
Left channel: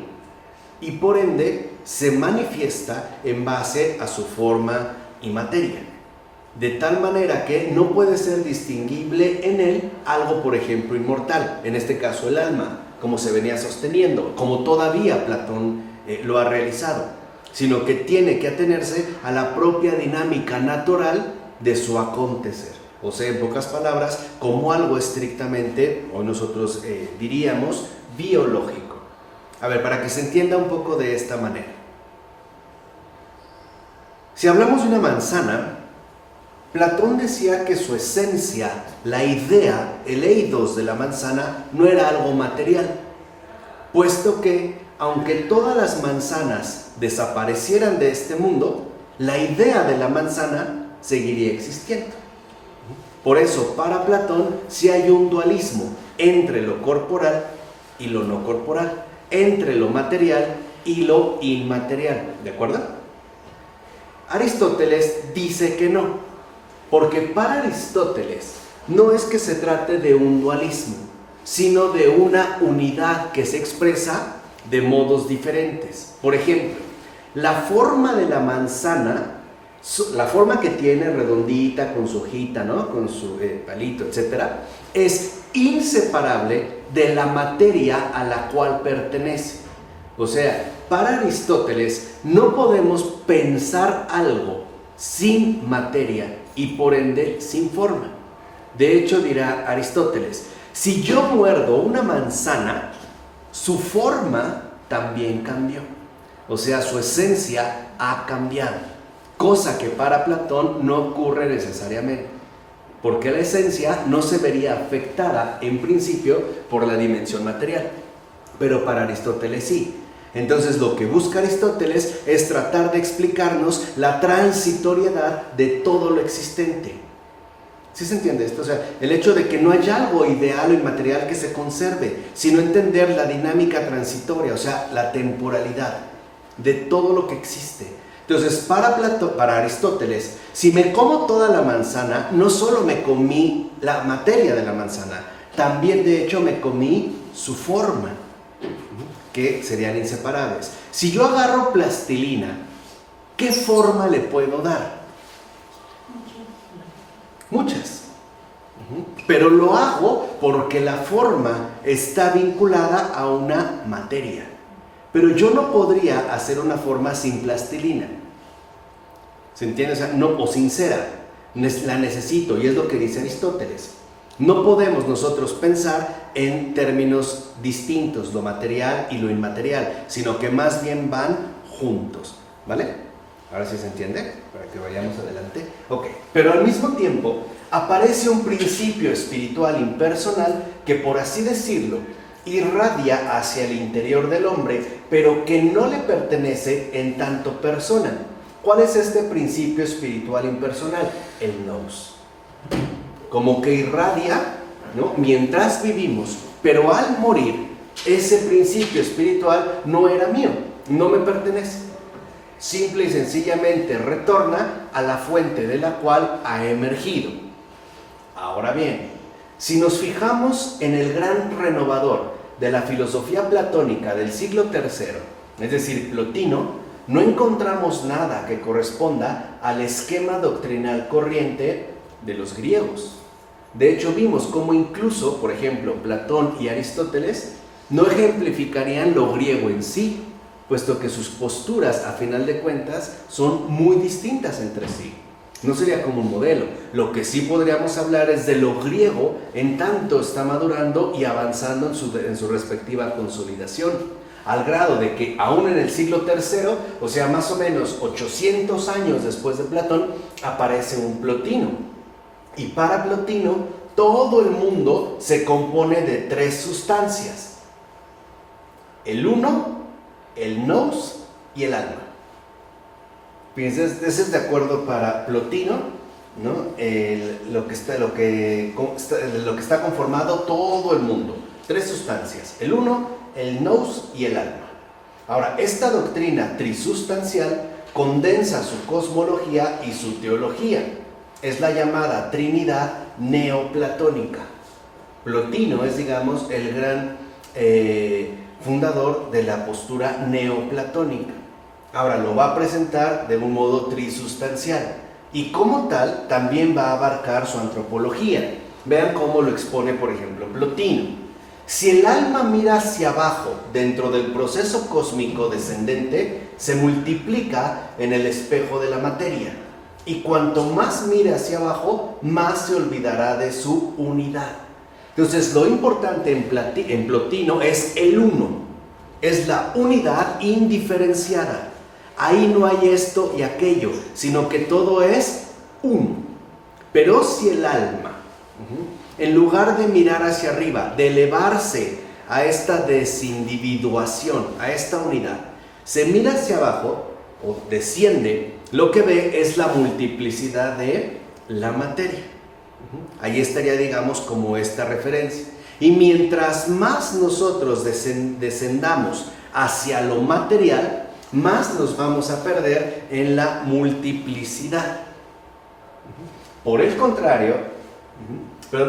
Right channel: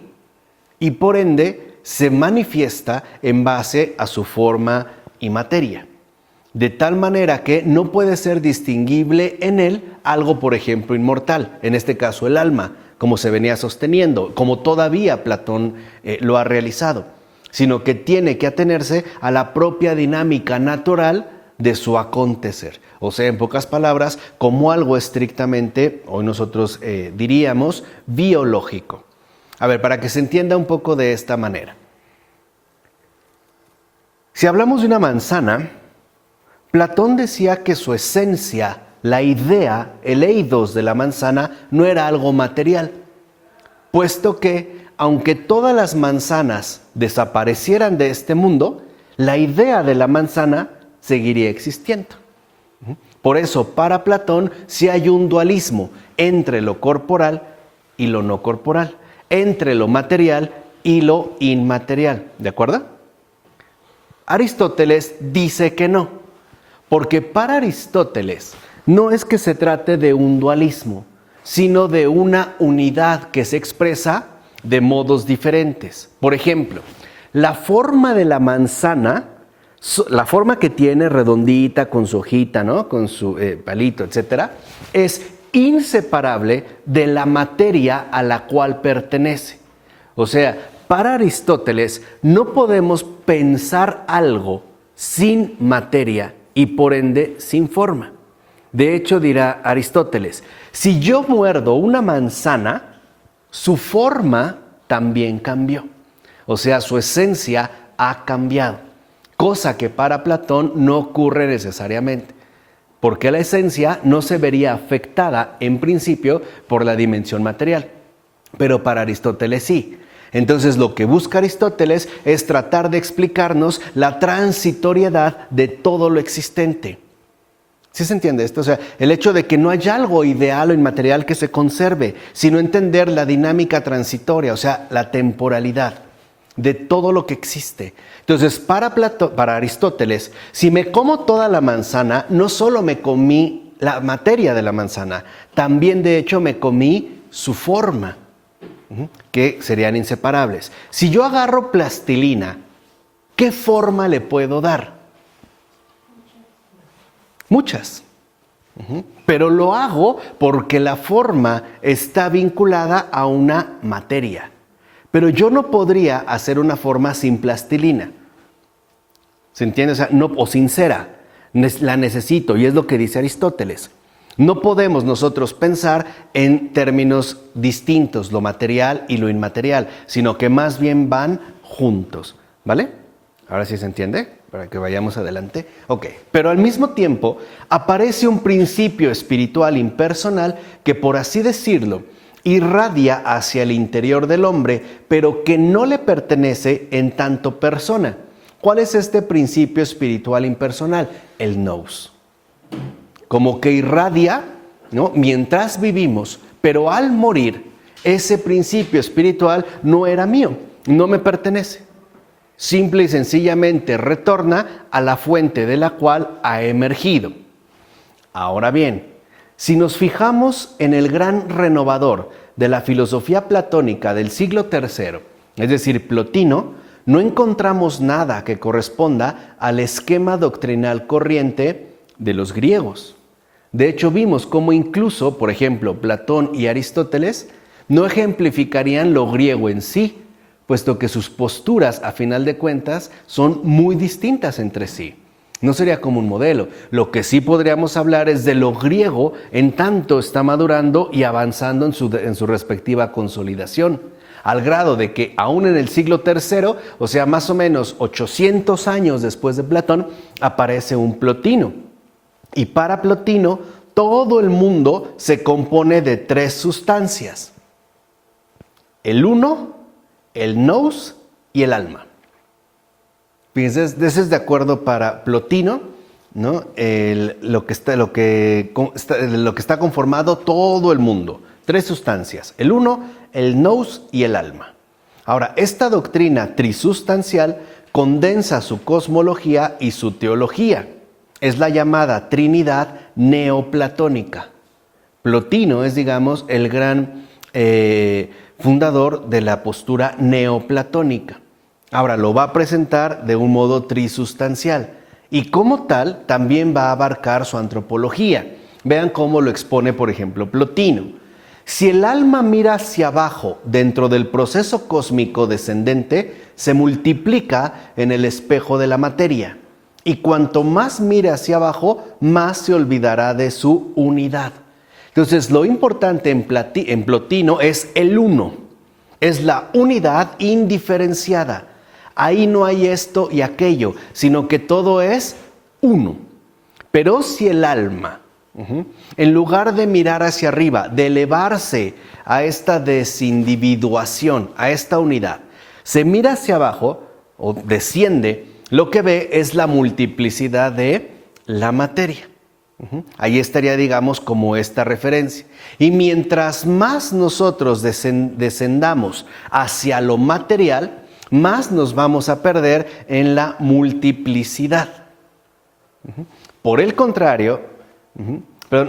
y por ende se manifiesta en base a su forma y materia. De tal manera que no puede ser distinguible en él algo, por ejemplo, inmortal, en este caso el alma, como se venía sosteniendo, como todavía Platón lo ha realizado, sino que tiene que atenerse a la propia dinámica natural de su acontecer. O sea, en pocas palabras, como algo estrictamente, hoy nosotros diríamos, biológico. A ver, para que se entienda un poco de esta manera. Si hablamos de una manzana, Platón decía que su esencia, la idea, el eidos de la manzana, no era algo material, puesto que, aunque todas las manzanas desaparecieran de este mundo, la idea de la manzana seguiría existiendo. Por eso, para Platón, sí hay un dualismo entre lo corporal y lo no corporal, entre lo material y lo inmaterial, ¿de acuerdo? Aristóteles dice que no. Porque para Aristóteles no es que se trate de un dualismo, sino de una unidad que se expresa de modos diferentes. Por ejemplo, la forma de la manzana, la forma que tiene redondita, con su hojita, ¿no?, con su palito, etc., es inseparable de la materia a la cual pertenece. O sea, para Aristóteles no podemos pensar algo sin materia y por ende sin forma. De hecho, dirá Aristóteles, si yo muerdo una manzana, su forma también cambió. O sea, su esencia ha cambiado, cosa que para Platón no ocurre necesariamente, porque la esencia no se vería afectada en principio por la dimensión material, pero para Aristóteles sí. Entonces, lo que busca Aristóteles es tratar de explicarnos la transitoriedad de todo lo existente. ¿Sí se entiende esto? O sea, el hecho de que no haya algo ideal o inmaterial que se conserve, sino entender la dinámica transitoria, o sea, la temporalidad de todo lo que existe. Entonces, para Aristóteles, si me como toda la manzana, no solo me comí la materia de la manzana, también de hecho me comí su forma, que serían inseparables. Si yo agarro plastilina, ¿qué forma le puedo dar? Muchas. Pero lo hago porque la forma está vinculada a una materia. Pero yo no podría hacer una forma sin plastilina. ¿Se entiende? O sea, no, o sin cera. La necesito, y es lo que dice Aristóteles. No podemos nosotros pensar en términos distintos, lo material y lo inmaterial, sino que más bien van juntos, ¿vale? Ahora sí se entiende, para que vayamos adelante. Ok, pero al mismo tiempo aparece un principio espiritual impersonal que, por así decirlo, irradia hacia el interior del hombre, pero que no le pertenece en tanto persona. ¿Cuál es este principio espiritual impersonal? El nous. Como que irradia, ¿no?, mientras vivimos, pero al morir, ese principio espiritual no era mío, no me pertenece. Simple y sencillamente retorna a la fuente de la cual ha emergido. Ahora bien, si nos fijamos en el gran renovador de la filosofía platónica del siglo III, es decir, Plotino, no encontramos nada que corresponda al esquema doctrinal corriente de los griegos. De hecho, vimos cómo incluso, por ejemplo, Platón y Aristóteles no ejemplificarían lo griego en sí, puesto que sus posturas, a final de cuentas, son muy distintas entre sí. No sería como un modelo. Lo que sí podríamos hablar es de lo griego en tanto está madurando y avanzando en su respectiva consolidación, al grado de que aún en el siglo III, o sea, más o menos 800 años después de Platón, aparece un Plotino. Y para Plotino, todo el mundo se compone de tres sustancias: el uno, el nous y el alma. Fíjense, ese es de acuerdo para Plotino, ¿no? Lo que está conformado todo el mundo. Tres sustancias: el uno, el nous y el alma. Ahora, esta doctrina trisustancial condensa su cosmología y su teología. Es la llamada Trinidad neoplatónica. Plotino es, digamos, el gran fundador de la postura neoplatónica. Ahora lo va a presentar de un modo trisustancial y como tal también va a abarcar su antropología. Vean cómo lo expone, por ejemplo, Plotino. Si el alma mira hacia abajo dentro del proceso cósmico descendente, se multiplica en el espejo de la materia. Y cuanto más mire hacia abajo, más se olvidará de su unidad. Entonces, lo importante en Plotino es el uno. Es la unidad indiferenciada. Ahí no hay esto y aquello, sino que todo es uno. Pero si el alma, en lugar de mirar hacia arriba, de elevarse a esta desindividuación, a esta unidad, se mira hacia abajo o desciende, lo que ve es la multiplicidad de la materia. Ahí estaría, digamos, como esta referencia. Y mientras más nosotros descendamos hacia lo material, más nos vamos a perder en la multiplicidad. Por el contrario,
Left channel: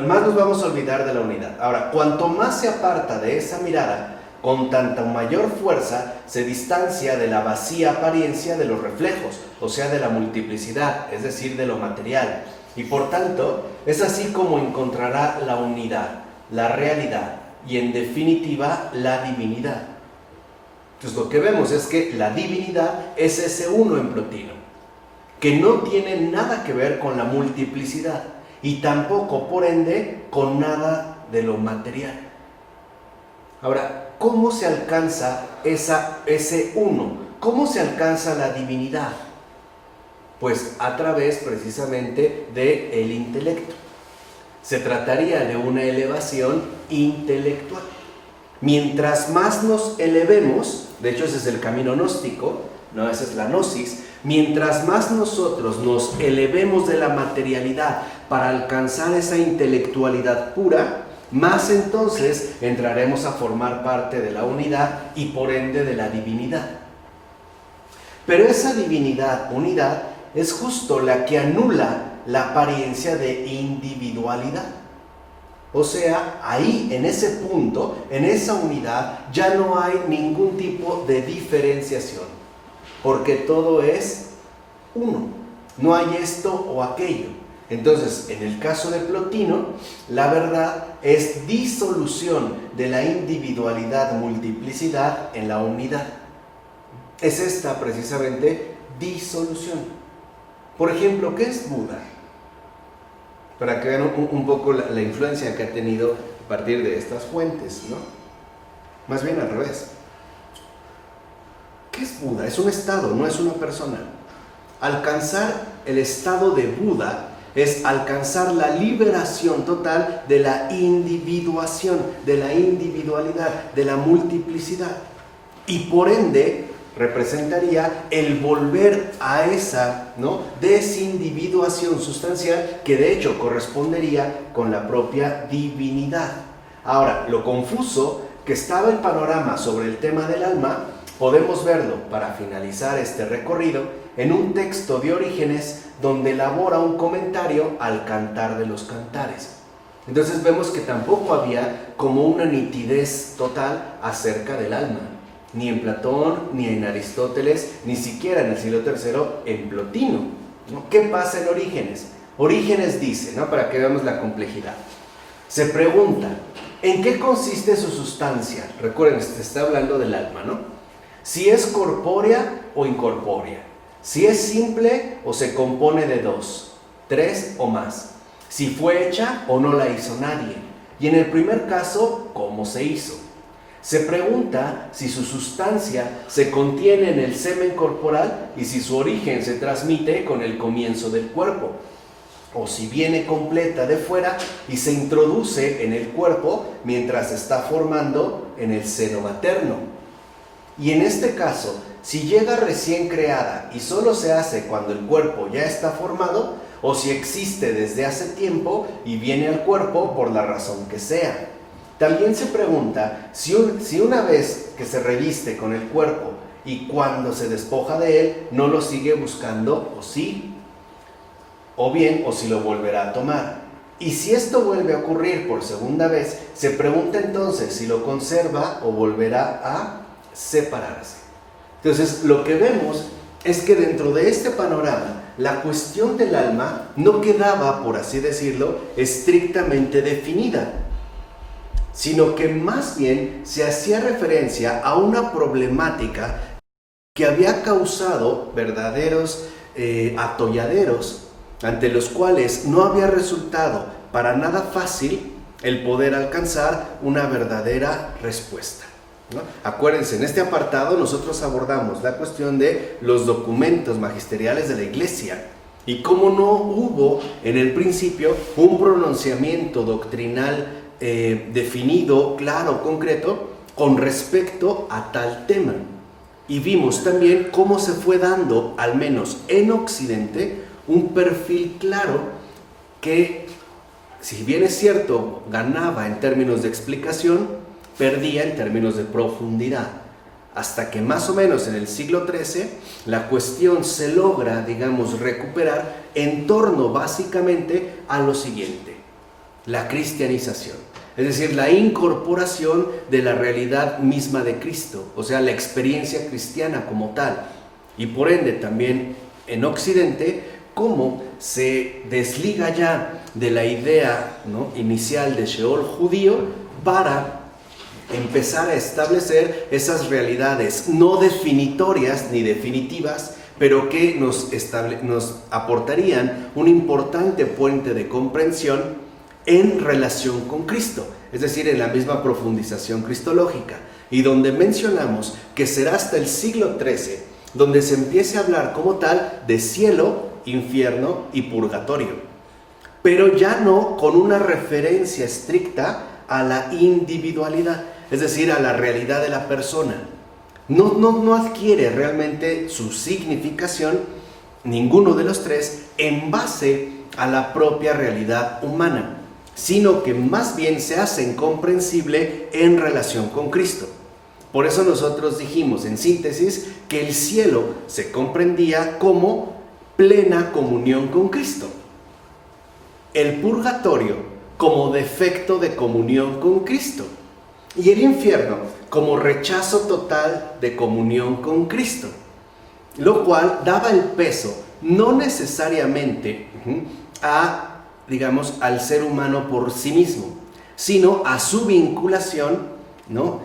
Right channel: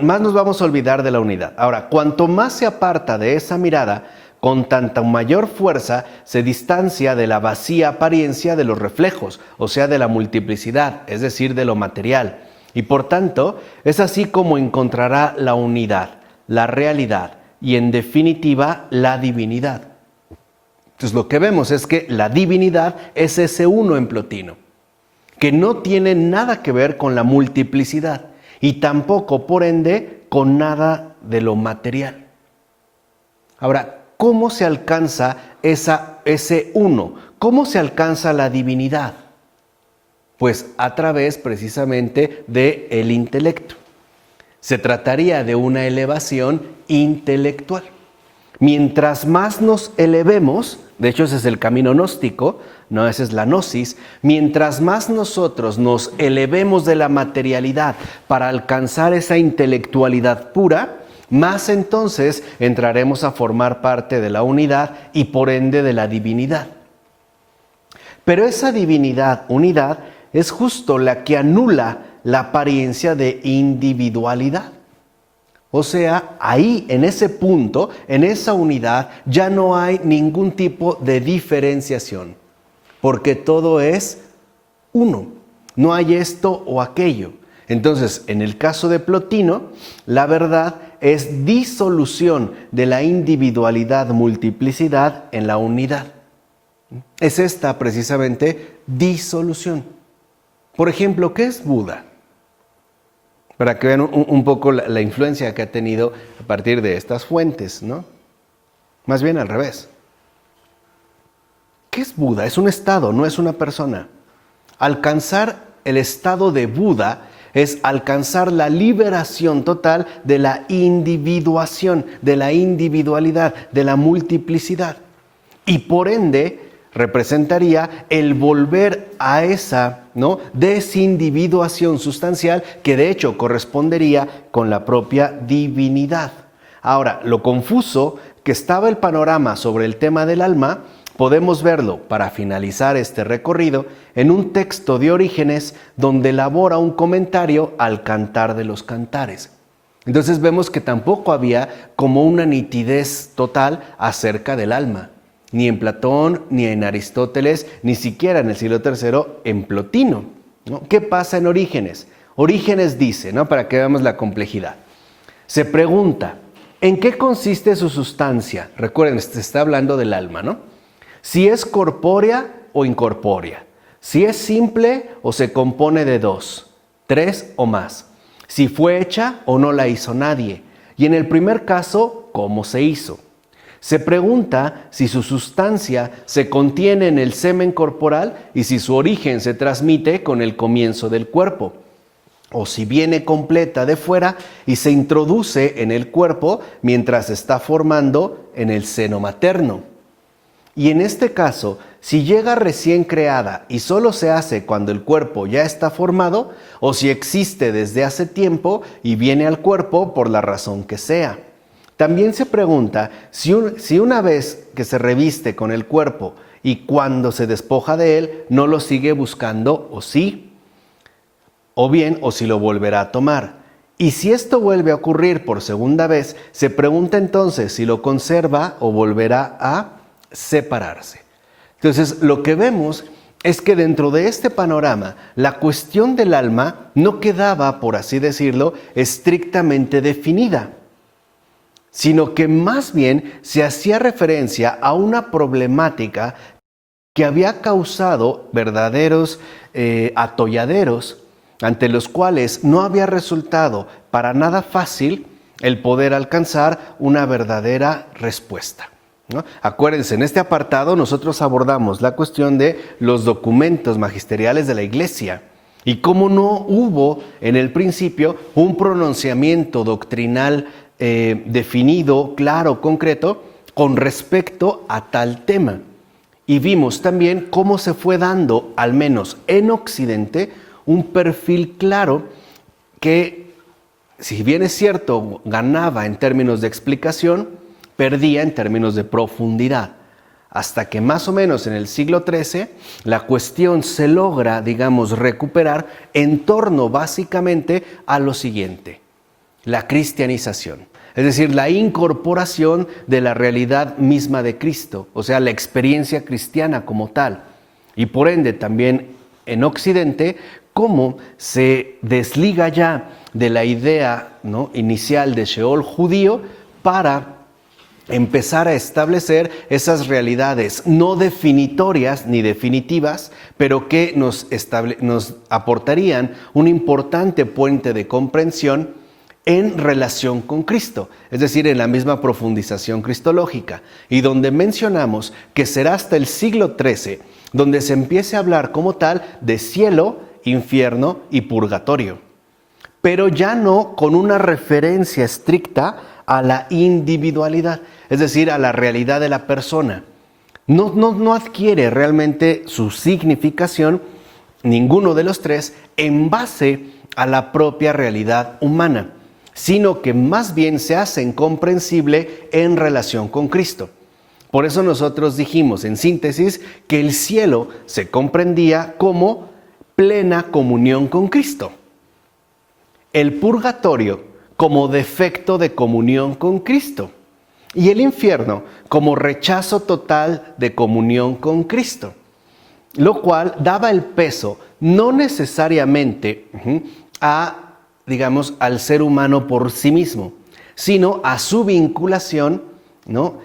más nos vamos a olvidar de la unidad. Ahora, cuanto más se aparta de esa mirada, con tanta mayor fuerza se distancia de la vacía apariencia de los reflejos, o sea, de la multiplicidad, es decir, de lo material. Y por tanto, es así como encontrará la unidad, la realidad y, en definitiva, la divinidad. Entonces, lo que vemos es que la divinidad es ese uno en Plotino, que no tiene nada que ver con la multiplicidad y tampoco, por ende, con nada de lo material. Ahora, ¿cómo se alcanza ese uno? ¿Cómo se alcanza la divinidad? Pues a través precisamente del intelecto. Se trataría de una elevación intelectual. Mientras más nos elevemos, de hecho ese es el camino gnóstico, no, esa es la gnosis, mientras más nosotros nos elevemos de la materialidad para alcanzar esa intelectualidad pura, más entonces entraremos a formar parte de la unidad y por ende de la divinidad. Pero esa divinidad, unidad, es justo la que anula la apariencia de individualidad. O sea, ahí, en ese punto, en esa unidad, ya no hay ningún tipo de diferenciación, porque todo es uno. No hay esto o aquello. Entonces, en el caso de Plotino, la verdad es disolución de la individualidad-multiplicidad en la unidad. Es esta precisamente disolución. Por ejemplo, ¿qué es Buda? Para que vean un poco la influencia que ha tenido a partir de estas fuentes, ¿no? Más bien al revés. ¿Qué es Buda? Es un estado, no es una persona. Alcanzar el estado de Buda es alcanzar la liberación total de la individuación, de la individualidad, de la multiplicidad. Y por ende, representaría el volver a esa, ¿no?, desindividuación sustancial que de hecho correspondería con la propia divinidad. Ahora, lo confuso que estaba el panorama sobre el tema del alma, podemos verlo, para finalizar este recorrido, en un texto de Orígenes donde elabora un comentario al Cantar de los Cantares. Entonces vemos que tampoco había como una nitidez total acerca del alma, ni en Platón, ni en Aristóteles, ni siquiera en el siglo III en Plotino, ¿no? ¿Qué pasa en Orígenes? Orígenes dice, ¿no?, para que veamos la complejidad, se pregunta, ¿en qué consiste su sustancia? Recuerden, se está hablando del alma, ¿no? Si es corpórea o incorpórea, si es simple o se compone de 2, 3 o más, si fue hecha o no la hizo nadie, y en el primer caso, ¿cómo se hizo? Se pregunta si su sustancia se contiene en el semen corporal y si su origen se transmite con el comienzo del cuerpo, o si viene completa de fuera y se introduce en el cuerpo mientras se está formando en el seno materno. Y en este caso, si llega recién creada y solo se hace cuando el cuerpo ya está formado, o si existe desde hace tiempo y viene al cuerpo por la razón que sea. También se pregunta si una vez que se reviste con el cuerpo y cuando se despoja de él, no lo sigue buscando o sí, o bien o si lo volverá a tomar. Y si esto vuelve a ocurrir por segunda vez, se pregunta entonces si lo conserva o volverá a separarse. Entonces, lo que vemos es que dentro de este panorama, la cuestión del alma no quedaba, por así decirlo, estrictamente definida, sino que más bien se hacía referencia a una problemática que había causado verdaderos atolladeros, ante los cuales no había resultado para nada fácil el poder alcanzar una verdadera respuesta, ¿no? Acuérdense, en este apartado nosotros abordamos la cuestión de los documentos magisteriales de la Iglesia y cómo no hubo en el principio un pronunciamiento doctrinal definido, claro, concreto, con respecto a tal tema. Y vimos también cómo se fue dando, al menos en Occidente, un perfil claro que, si bien es cierto, ganaba en términos de explicación, perdía en términos de profundidad, hasta que más o menos en el siglo XIII la cuestión se logra, digamos, recuperar en torno básicamente a lo siguiente: la cristianización, es decir, la incorporación de la realidad misma de Cristo, o sea, la experiencia cristiana como tal, y por ende también en Occidente, cómo se desliga ya de la idea, ¿no?, inicial de Sheol judío para empezar a establecer esas realidades no definitorias ni definitivas, pero que nos aportarían un importante puente de comprensión en relación con Cristo, es decir, en la misma profundización cristológica, y donde mencionamos que será hasta el siglo XIII donde se empiece a hablar como tal de cielo, infierno y purgatorio, pero ya no con una referencia estricta a la individualidad, es decir, a la realidad de la persona. No adquiere realmente su significación, ninguno de los tres, en base a la propia realidad humana, sino que más bien se hace incomprensible en relación con Cristo. Por eso nosotros dijimos, en síntesis, que el cielo se comprendía como plena comunión con Cristo, el purgatorio como defecto de comunión con Cristo y el infierno como rechazo total de comunión con Cristo, lo cual daba el peso no necesariamente digamos, al ser humano por sí mismo, sino a su vinculación, ¿no?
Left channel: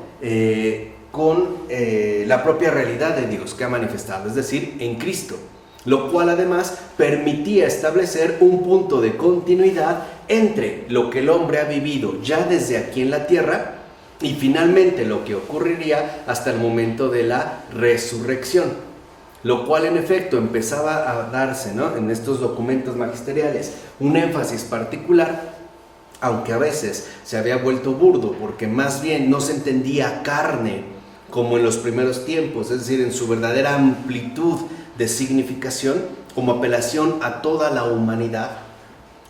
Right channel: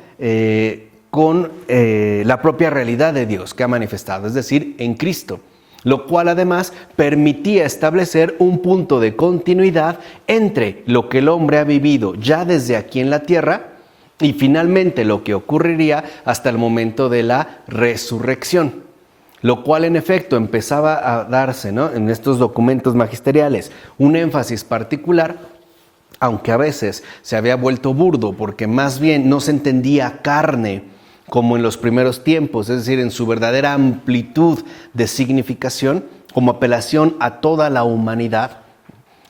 Con la propia realidad de Dios que ha manifestado, es decir, en Cristo, lo cual además permitía establecer un punto de continuidad entre lo que el hombre ha vivido ya desde aquí en la tierra y finalmente lo que ocurriría hasta el momento de la resurrección, lo cual en efecto empezaba a darse, ¿no?, en estos documentos magisteriales un énfasis particular, aunque a veces se había vuelto burdo porque más bien no se entendía carne como en los primeros tiempos, es decir, en su verdadera amplitud de significación, como apelación a toda la humanidad,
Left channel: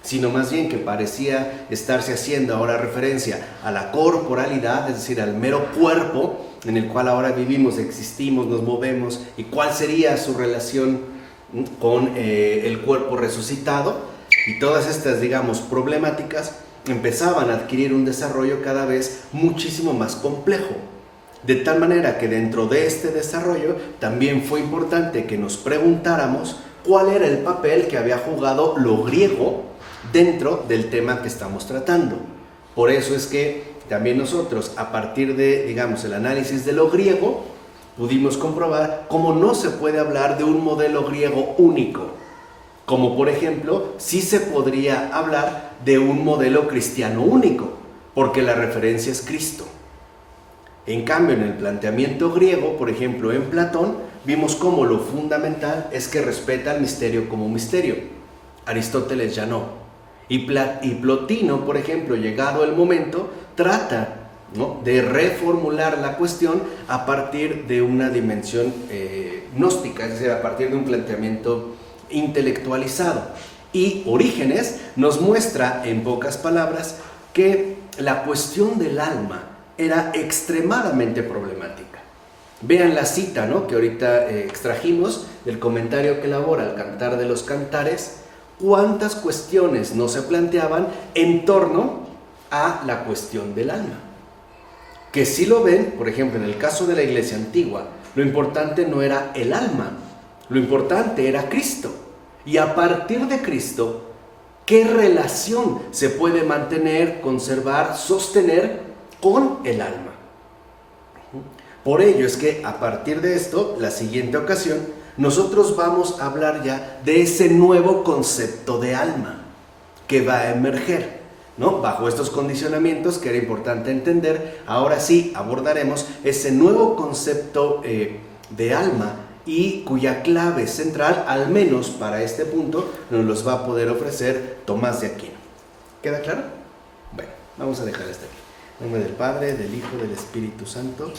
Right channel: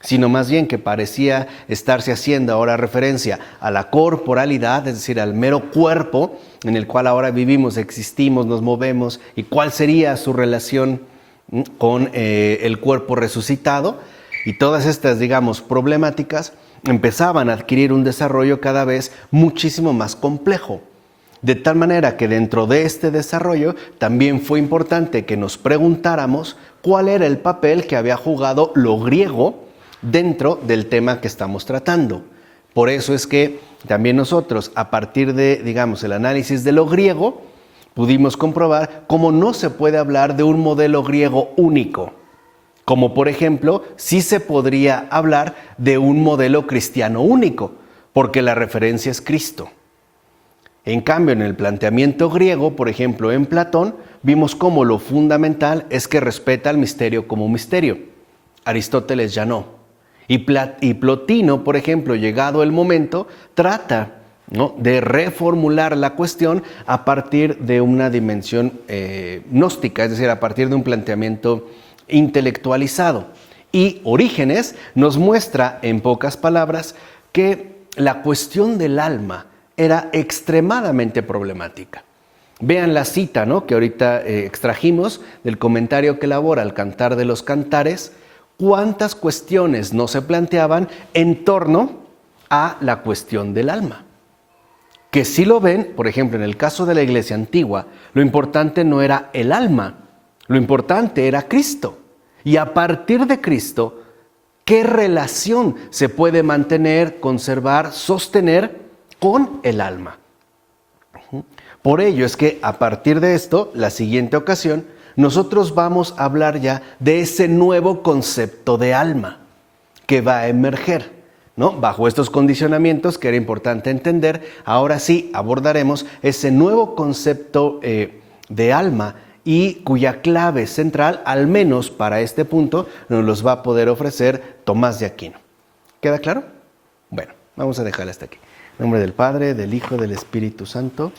sino más bien que parecía estarse haciendo ahora referencia a la corporalidad, es decir, al mero cuerpo en el cual ahora vivimos, existimos, nos movemos, y cuál sería su relación con el cuerpo resucitado. Y todas estas, digamos, problemáticas empezaban a adquirir un desarrollo cada vez muchísimo más complejo. De tal manera que dentro de este desarrollo también fue importante que nos preguntáramos cuál era el papel que había jugado lo griego dentro del tema que estamos tratando. Por eso es que también nosotros, a partir de, digamos, el análisis de lo griego, pudimos comprobar cómo no se puede hablar de un modelo griego único. Como por ejemplo, sí se podría hablar de un modelo cristiano único, porque la referencia es Cristo. En cambio, en el planteamiento griego, por ejemplo, en Platón, vimos cómo lo fundamental es que respeta el misterio como misterio. Aristóteles ya no. Y Plotino, por ejemplo, llegado el momento, trata, ¿no?, de reformular la cuestión a partir de una dimensión gnóstica, es decir, a partir de un planteamiento intelectualizado. Y Orígenes nos muestra, en pocas palabras, que la cuestión del alma era extremadamente problemática. Vean la cita, ¿no?, que ahorita extrajimos del comentario que elabora el Cantar de los Cantares. Cuántas cuestiones no se planteaban en torno a la cuestión del alma. Que si lo ven, por ejemplo, en el caso de la Iglesia antigua, lo importante no era el alma, lo importante era Cristo. Y a partir de Cristo, ¿qué relación se puede mantener, conservar, sostener con el alma? Por ello es que a partir de esto, la siguiente ocasión, nosotros vamos a hablar ya de ese nuevo concepto de alma que va a emerger, ¿no? Bajo estos condicionamientos que era importante entender, ahora sí abordaremos ese nuevo concepto de alma y cuya clave central, al menos para este punto, nos los va a poder ofrecer Tomás de Aquino. ¿Queda claro? Bueno, vamos a dejar hasta aquí. En nombre del Padre, del Hijo, del Espíritu Santo.